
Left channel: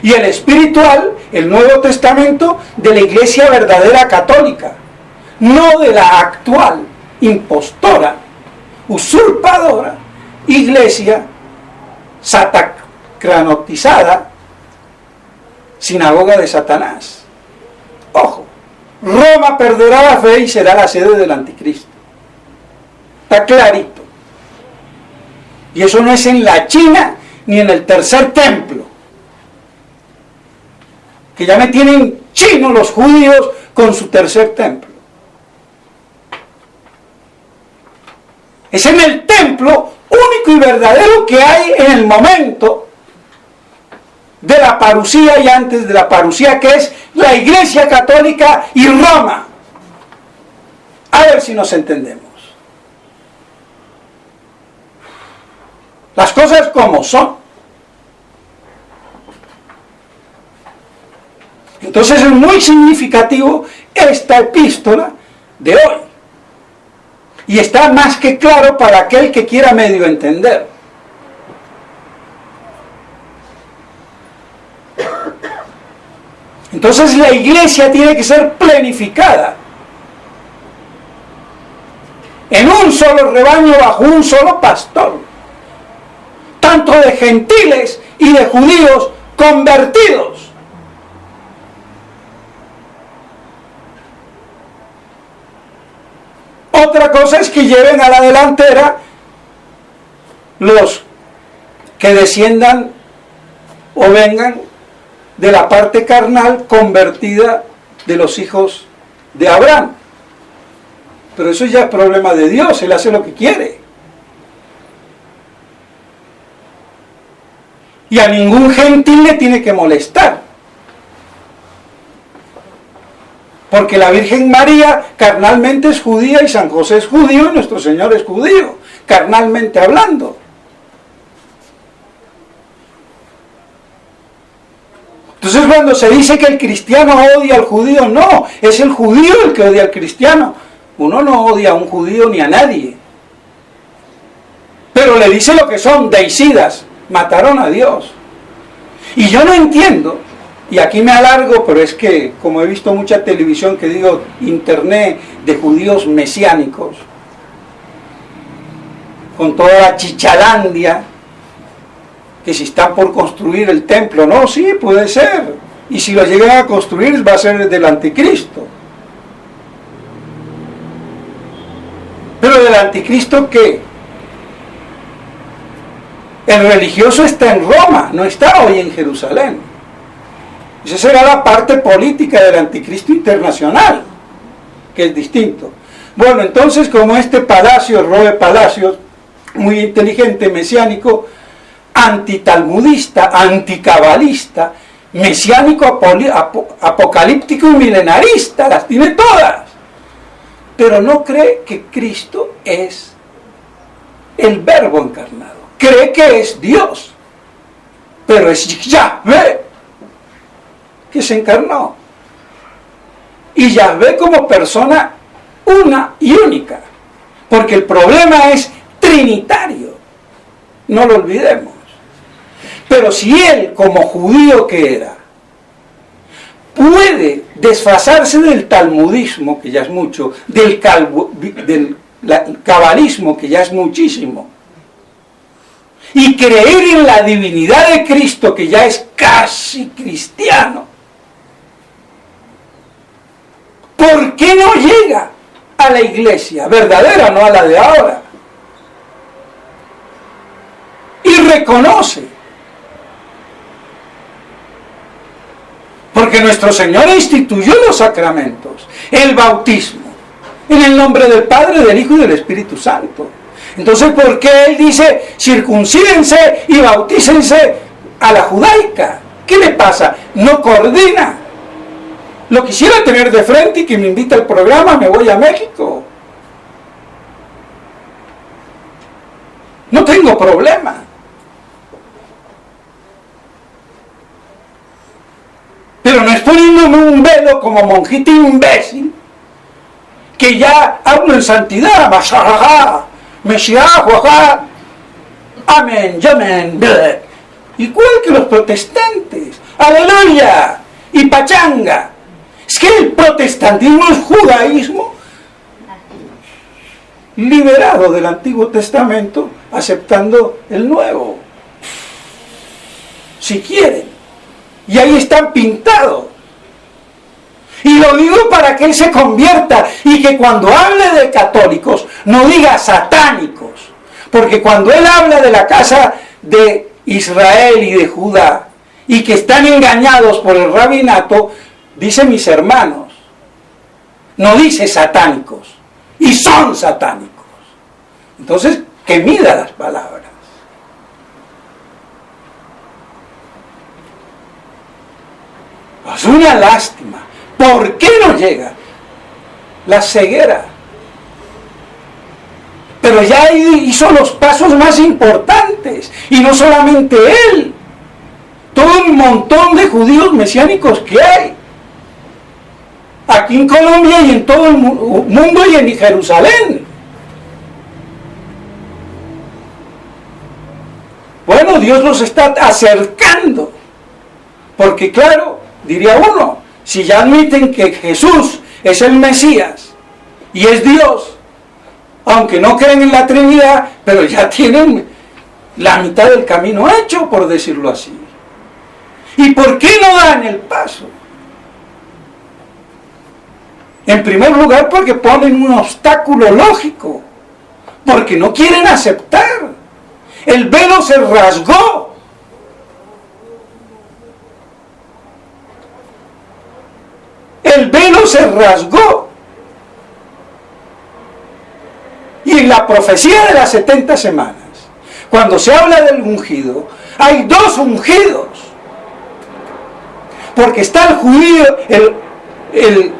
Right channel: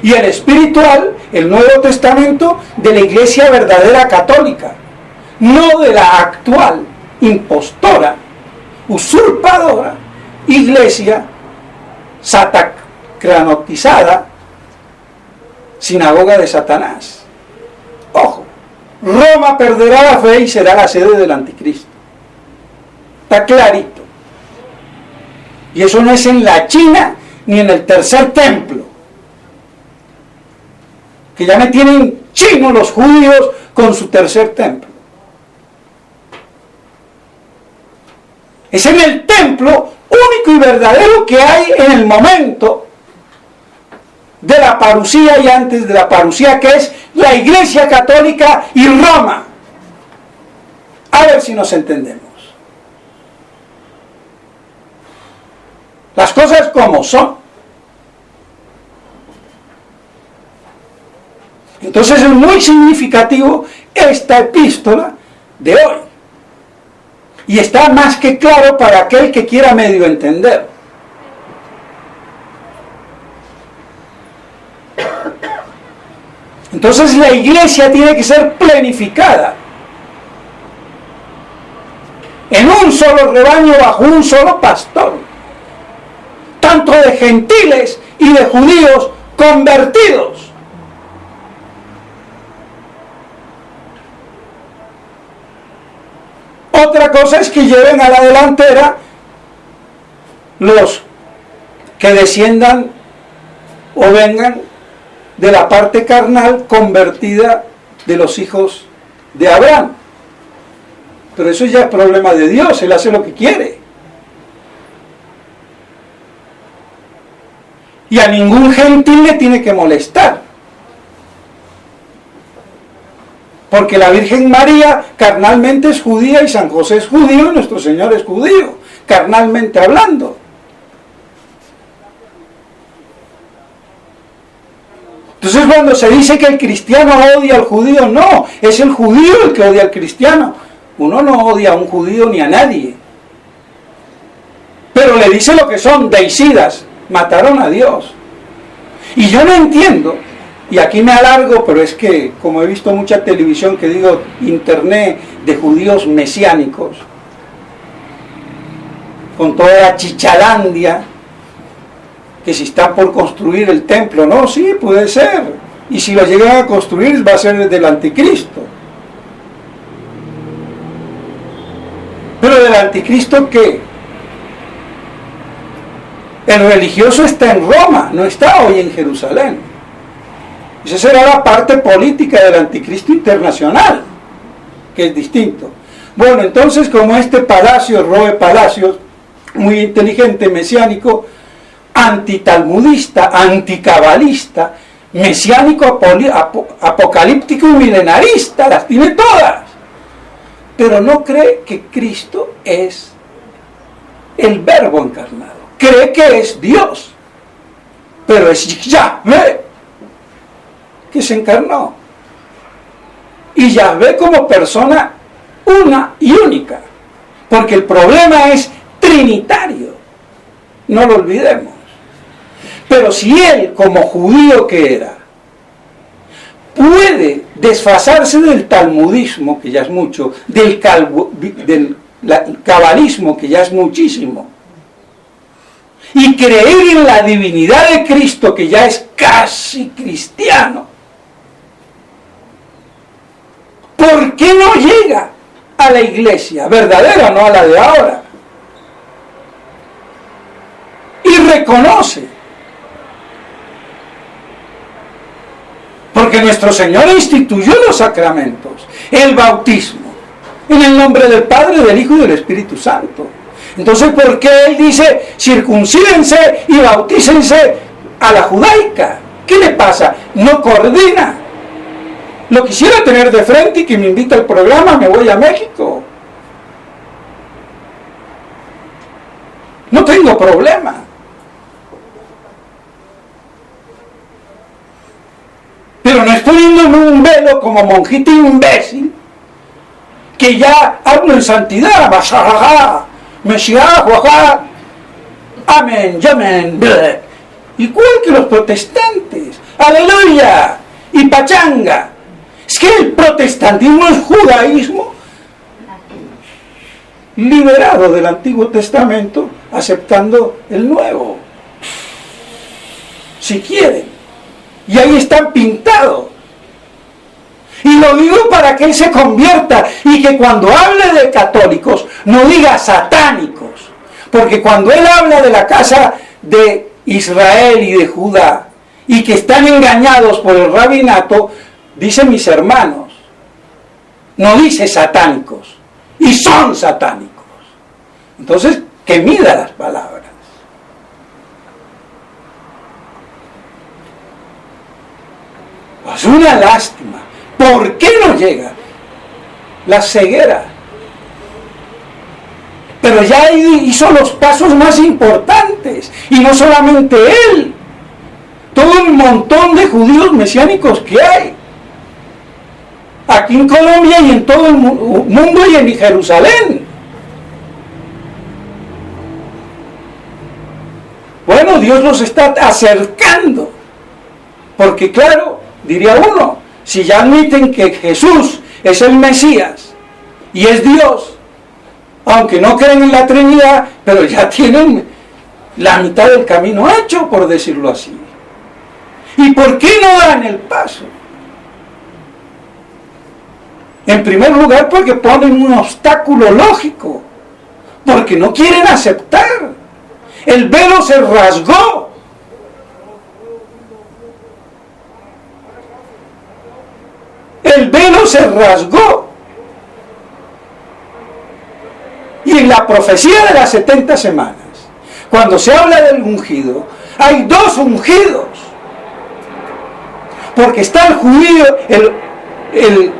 Y el espiritual, el Nuevo Testamento, de la iglesia verdadera católica, no de la actual, impostora, usurpadora, iglesia satacranotizada, sinagoga de Satanás. Ojo, Roma perderá la fe y será la sede del anticristo. Está clarito. Y eso no es en la China ni en el tercer templo. Que ya me tienen chinos los judíos con su tercer templo. Es en el templo único y verdadero que hay en el momento de la parusía y antes de la parusía, que es la Iglesia Católica y Roma. A ver si nos entendemos. Las cosas como son. Entonces es muy significativo esta epístola de hoy. Y está más que claro para aquel que quiera medio entender. Entonces la iglesia tiene que ser planificada en un solo rebaño bajo un solo pastor, tanto de gentiles y de judíos convertidos. Otra cosa es que lleven a la delantera los que desciendan o vengan de la parte carnal convertida de los hijos de Abraham. Pero eso ya es problema de Dios, Él hace lo que quiere. Y a ningún gentil le tiene que molestar. Porque la Virgen María carnalmente es judía y San José es judío y nuestro Señor es judío, carnalmente hablando. Entonces cuando se dice que el cristiano odia al judío, no, es el judío el que odia al cristiano. Uno no odia a un judío ni a nadie. Pero le dice lo que son, deicidas, mataron a Dios. Y yo no entiendo, y aquí me alargo, pero es que como he visto mucha televisión que digo, internet de judíos mesiánicos, con toda la chichalandia, que si está por construir el templo, no, sí, puede ser, y si lo llegan a construir va a ser del anticristo. Pero del anticristo, ¿qué? El religioso está en Roma, no está hoy en Jerusalén. Esa será la parte política del anticristo internacional, que es distinto. Bueno, entonces como este Palacios, Roe Palacios, muy inteligente, mesiánico, antitalmudista, anticabalista, mesiánico, apocalíptico y milenarista, las tiene todas. Pero no cree que Cristo es el Verbo encarnado. Cree que es Dios. Pero es Yahvé que se encarnó. Y Yahvé como persona una y única. Porque el problema es trinitario. No lo olvidemos. Pero si él, como judío que era, puede desfasarse del talmudismo, que ya es mucho, del cabalismo, que ya es muchísimo, y creer en la divinidad de Cristo, que ya es casi cristiano, ¿por qué no llega a la iglesia verdadera, no a la de ahora? Y reconoce. Porque nuestro Señor instituyó los sacramentos, el bautismo, en el nombre del Padre, del Hijo y del Espíritu Santo. Entonces, ¿por qué Él dice, circuncídense y bautícense a la judaica? ¿Qué le pasa? No coordina. Lo quisiera tener de frente y que me invita al programa, me voy a México. No tengo problema. Pero no es poniéndome un velo como monjita imbécil, que ya hablo en santidad, amén, amén, igual que los protestantes, aleluya, y pachanga. Es que el protestantismo es judaísmo liberado del Antiguo Testamento, aceptando el Nuevo, si quieren, y ahí están pintados. Y lo digo para que él se convierta y que cuando hable de católicos no diga satánicos, porque cuando él habla de la casa de Israel y de Judá y que están engañados por el rabinato, dice mis hermanos, no dice satánicos, y son satánicos. Entonces, que mida las palabras. Es una lástima. ¿Por qué no llega? La ceguera. Pero ya hizo los pasos más importantes. Y no solamente él. Todo un montón de judíos mesiánicos que hay. Aquí en Colombia y en todo el mundo y en Jerusalén. Bueno, Dios los está acercando. Porque claro, diría uno, si ya admiten que Jesús es el Mesías y es Dios, aunque no creen en la Trinidad, pero ya tienen la mitad del camino hecho, por decirlo así. ¿Y por qué no dan el paso? En primer lugar, porque ponen un obstáculo lógico, porque no quieren aceptar. El velo se rasgó. El velo se rasgó. Y en la profecía de las 70 semanas, cuando se habla del ungido, hay dos ungidos. Porque está el judío, el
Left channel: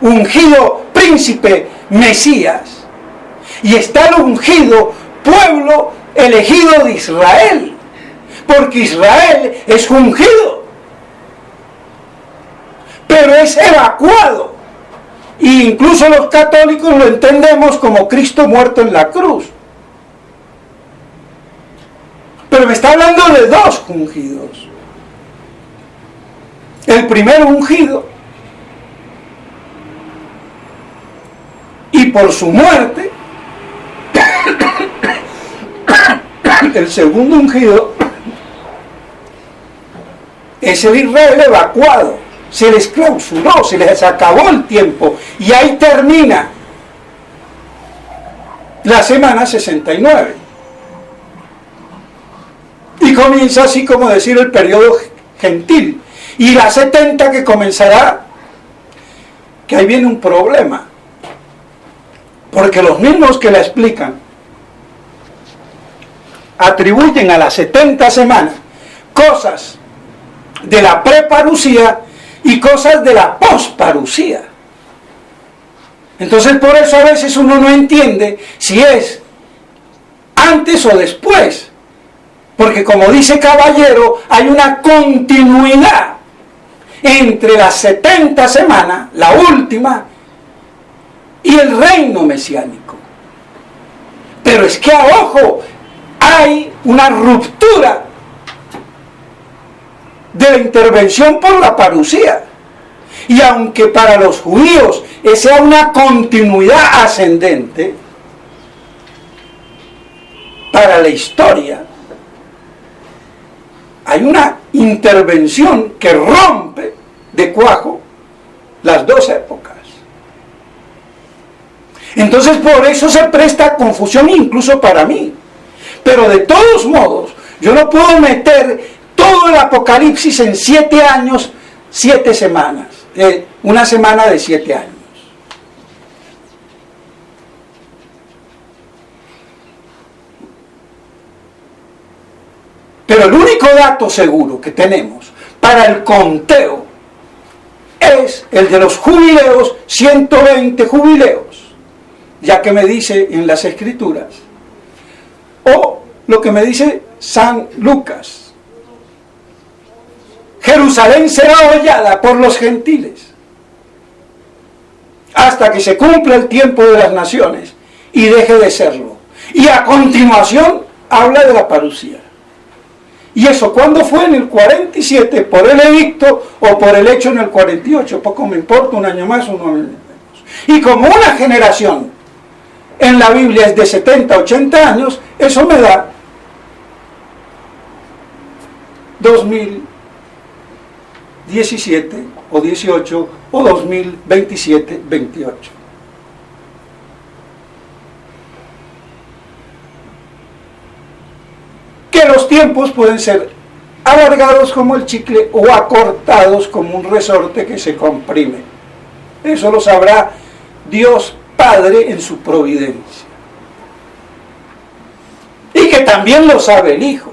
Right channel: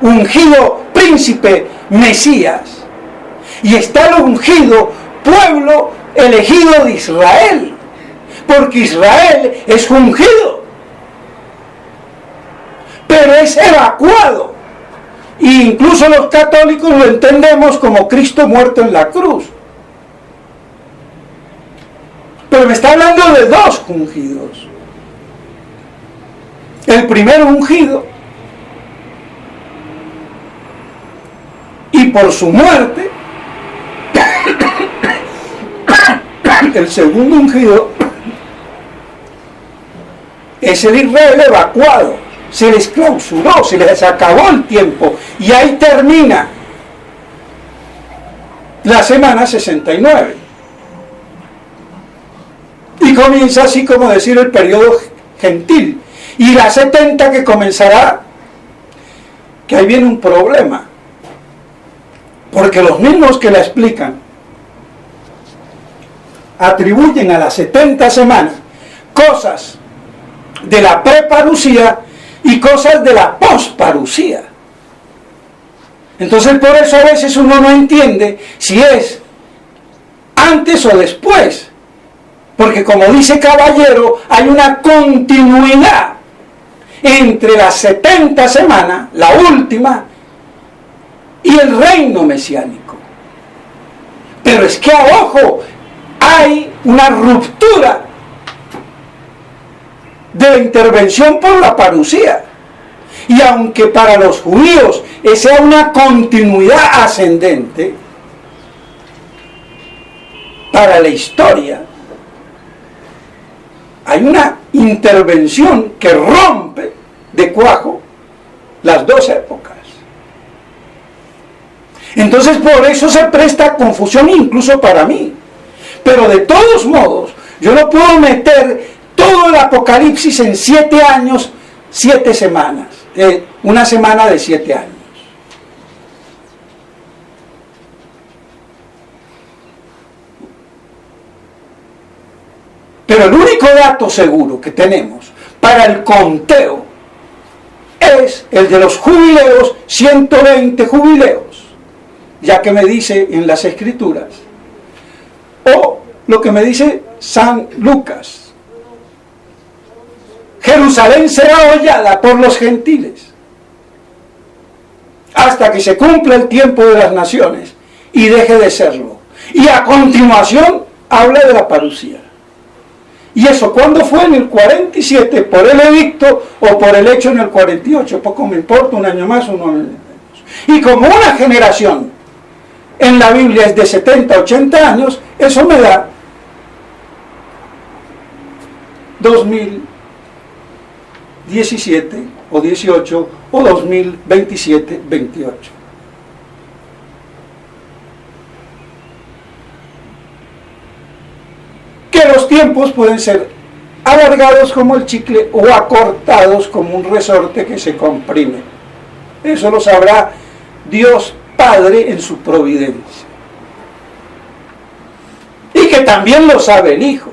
ungido príncipe Mesías, y está el ungido pueblo elegido de Israel, porque Israel es ungido, pero es evacuado, e incluso los católicos lo entendemos como Cristo muerto en la cruz. Pero me está hablando de dos ungidos. El primer ungido, y por su muerte, el segundo ungido es el Israel evacuado. Se les clausuró, se les acabó el tiempo, y ahí termina la semana 69. Y comienza así como decir el periodo gentil. Y la 70 que comenzará, que ahí viene un problema. Porque los mismos que la explican atribuyen a las 70 semanas cosas de la preparucía y cosas de la posparucía. Entonces por eso a veces uno no entiende si es antes o después. Porque como dice Caballero, hay una continuidad entre las 70 semanas, la última, y el reino mesiánico. Pero es que, ojo, hay una ruptura de la intervención por la parucía. Y aunque para los judíos sea una continuidad ascendente, para la historia hay una intervención que rompe de cuajo las dos épocas. Entonces por eso se presta confusión incluso para mí. Pero de todos modos, yo no puedo meter todo el Apocalipsis en 7 años, 7 semanas. Una semana de 7 años. Pero el único dato seguro que tenemos para el conteo es el de los jubileos, 120 jubileos, ya que me dice en las Escrituras, o lo que me dice San Lucas: Jerusalén será hollada por los gentiles hasta que se cumpla el tiempo de las naciones y deje de serlo. Y a continuación habla de la parucía. ¿Y eso cuándo fue? En el 47, por el edicto o por el hecho en el 48. Poco me importa, un año más, un año menos. Y como una generación en la Biblia es de 70, 80 años, eso me da 2017 o 18 o 2027, 28. Que los tiempos pueden ser alargados como el chicle o acortados como un resorte que se comprime. Eso lo sabrá Dios Padre en su providencia. Y que también lo sabe el Hijo.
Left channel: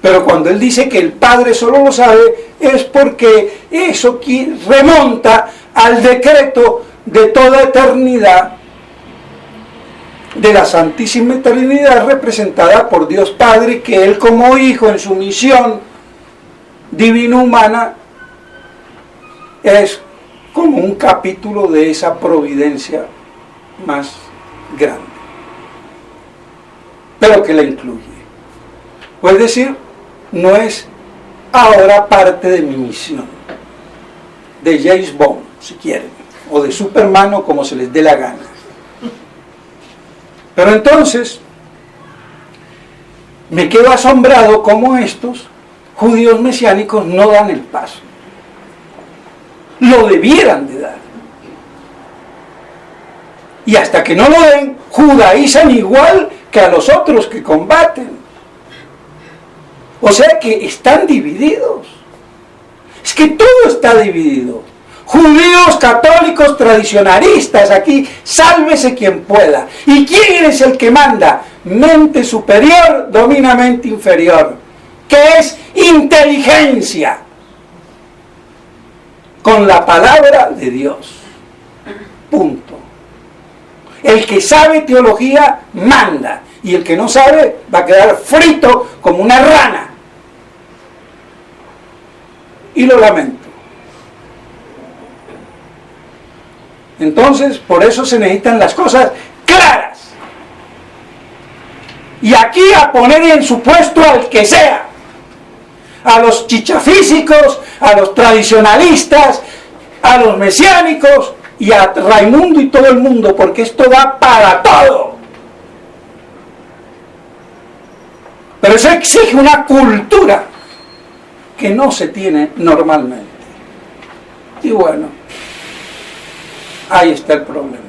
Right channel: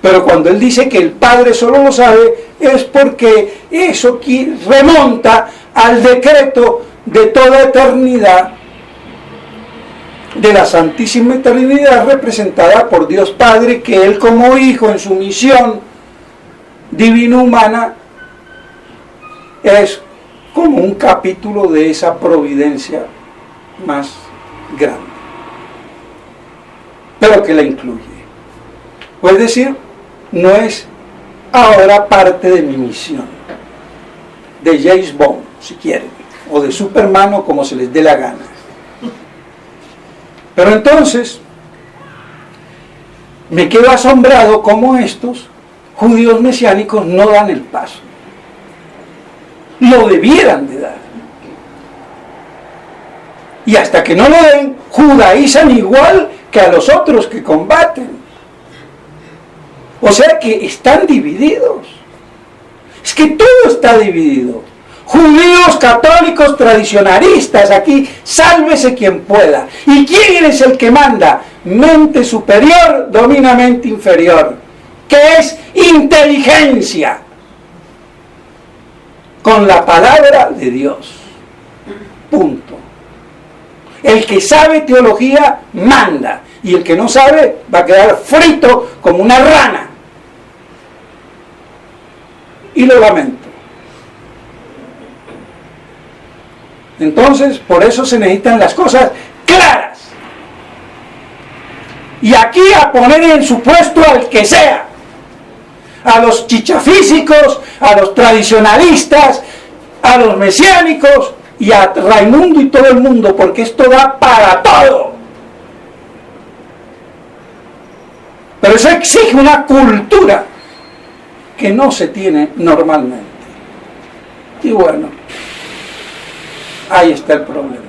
Pero cuando Él dice que el Padre solo lo sabe, es porque eso remonta al decreto de toda eternidad, de la Santísima Trinidad representada por Dios Padre, que Él como Hijo en su misión divino-humana es como un capítulo de esa providencia más grande, pero que la incluye. O es decir, no es ahora parte de mi misión, de James Bond, si quieren, o de Superman, o como se les dé la gana. Pero entonces, me quedo asombrado cómo estos judíos mesiánicos no dan el paso. Lo debieran de dar. Y hasta que no lo den, judaizan igual que a los otros que combaten. O sea que están divididos. Es que todo está dividido. Judíos, católicos, tradicionalistas, aquí, sálvese quien pueda. ¿Y quién es el que manda? Mente superior domina mente inferior, que es inteligencia, con la palabra de Dios. Punto. El que sabe teología manda, y el que no sabe va a quedar frito como una rana. Y lo lamento. Entonces, por eso se necesitan las cosas claras. Y aquí a poner en su puesto al que sea. A los chichafísicos, a los tradicionalistas, a los mesiánicos y a Raimundo y todo el mundo, porque esto da para todo. Pero eso exige una cultura que no se tiene normalmente. Y bueno, ahí está el problema.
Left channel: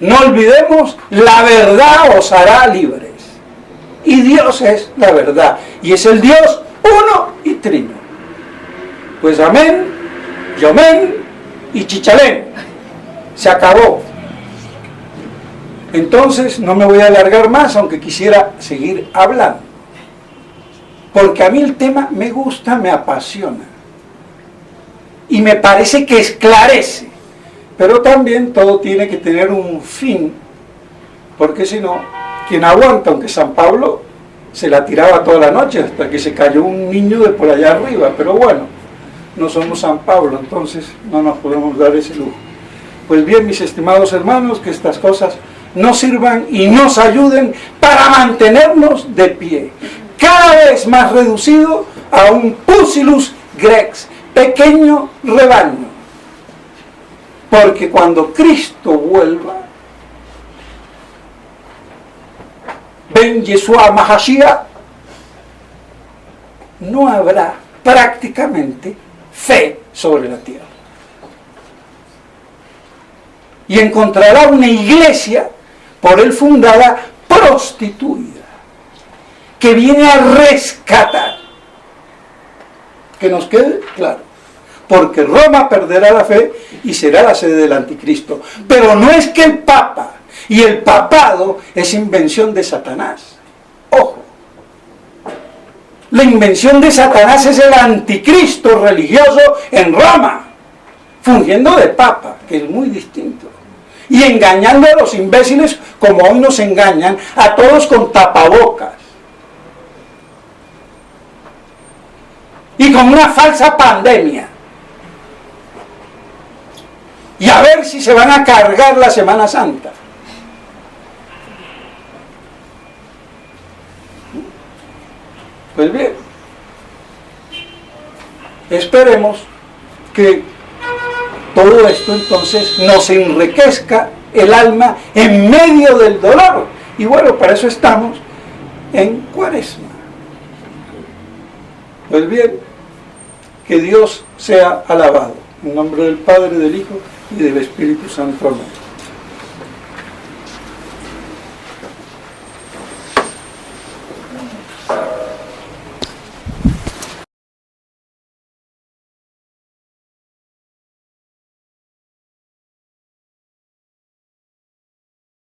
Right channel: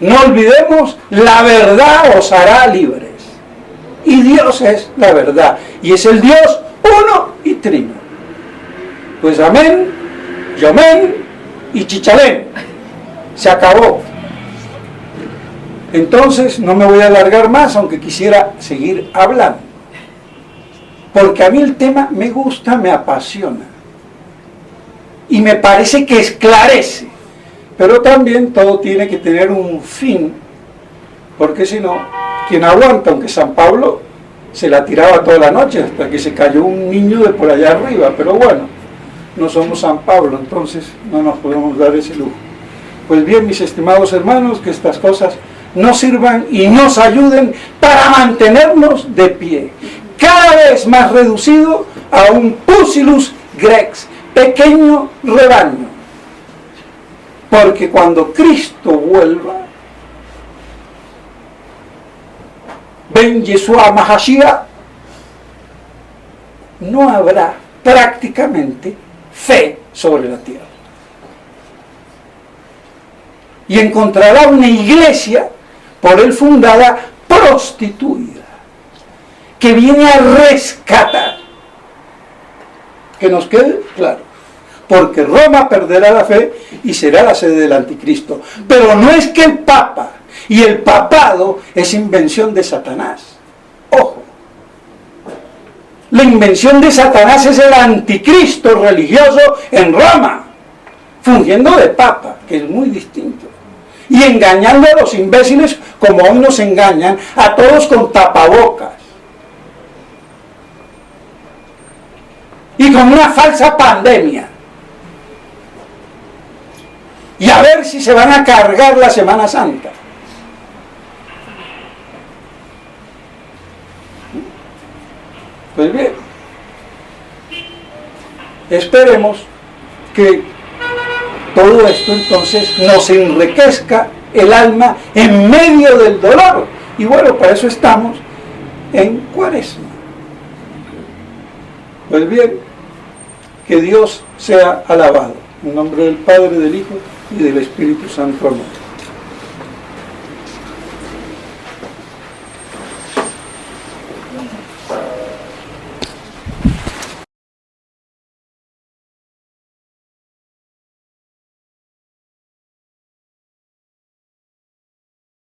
No olvidemos, la verdad os hará libres. Y Dios es la verdad. Y es el Dios uno y trino. Pues amén, yomén y chichalén. Se acabó. Entonces no me voy a alargar más, aunque quisiera seguir hablando. Porque a mí el tema me gusta, me apasiona. Y me parece que esclarece. Pero también todo tiene que tener un fin, porque si no, ¿quién aguanta? Aunque San Pablo se la tiraba toda la noche hasta que se cayó un niño de por allá arriba, pero bueno, no somos San Pablo, entonces no nos podemos dar ese lujo. Pues bien, mis estimados hermanos, que estas cosas nos sirvan y nos ayuden para mantenernos de pie, cada vez más reducido a un Pusillus Grex, pequeño rebaño. Porque cuando Cristo vuelva, Ben Yeshua Mahashiach, no habrá prácticamente fe sobre la tierra. Y encontrará una iglesia por él fundada, prostituida, que viene a rescatar. Que nos quede claro. Porque Roma perderá la fe y será la sede del anticristo. Pero no es que el Papa y el papado es invención de Satanás. Ojo. La invención de Satanás es el anticristo religioso en Roma, fungiendo de Papa, que es muy distinto. Y engañando a los imbéciles como hoy nos engañan a todos con tapabocas. Y con una falsa pandemia. Y a ver si se van a cargar la Semana Santa. Pues bien, esperemos que todo esto entonces nos enriquezca el alma en medio del dolor. Y bueno, para eso estamos en Cuaresma. Pues bien, que Dios sea alabado. En nombre del Padre, del Hijo y del Espíritu Santo. Amén.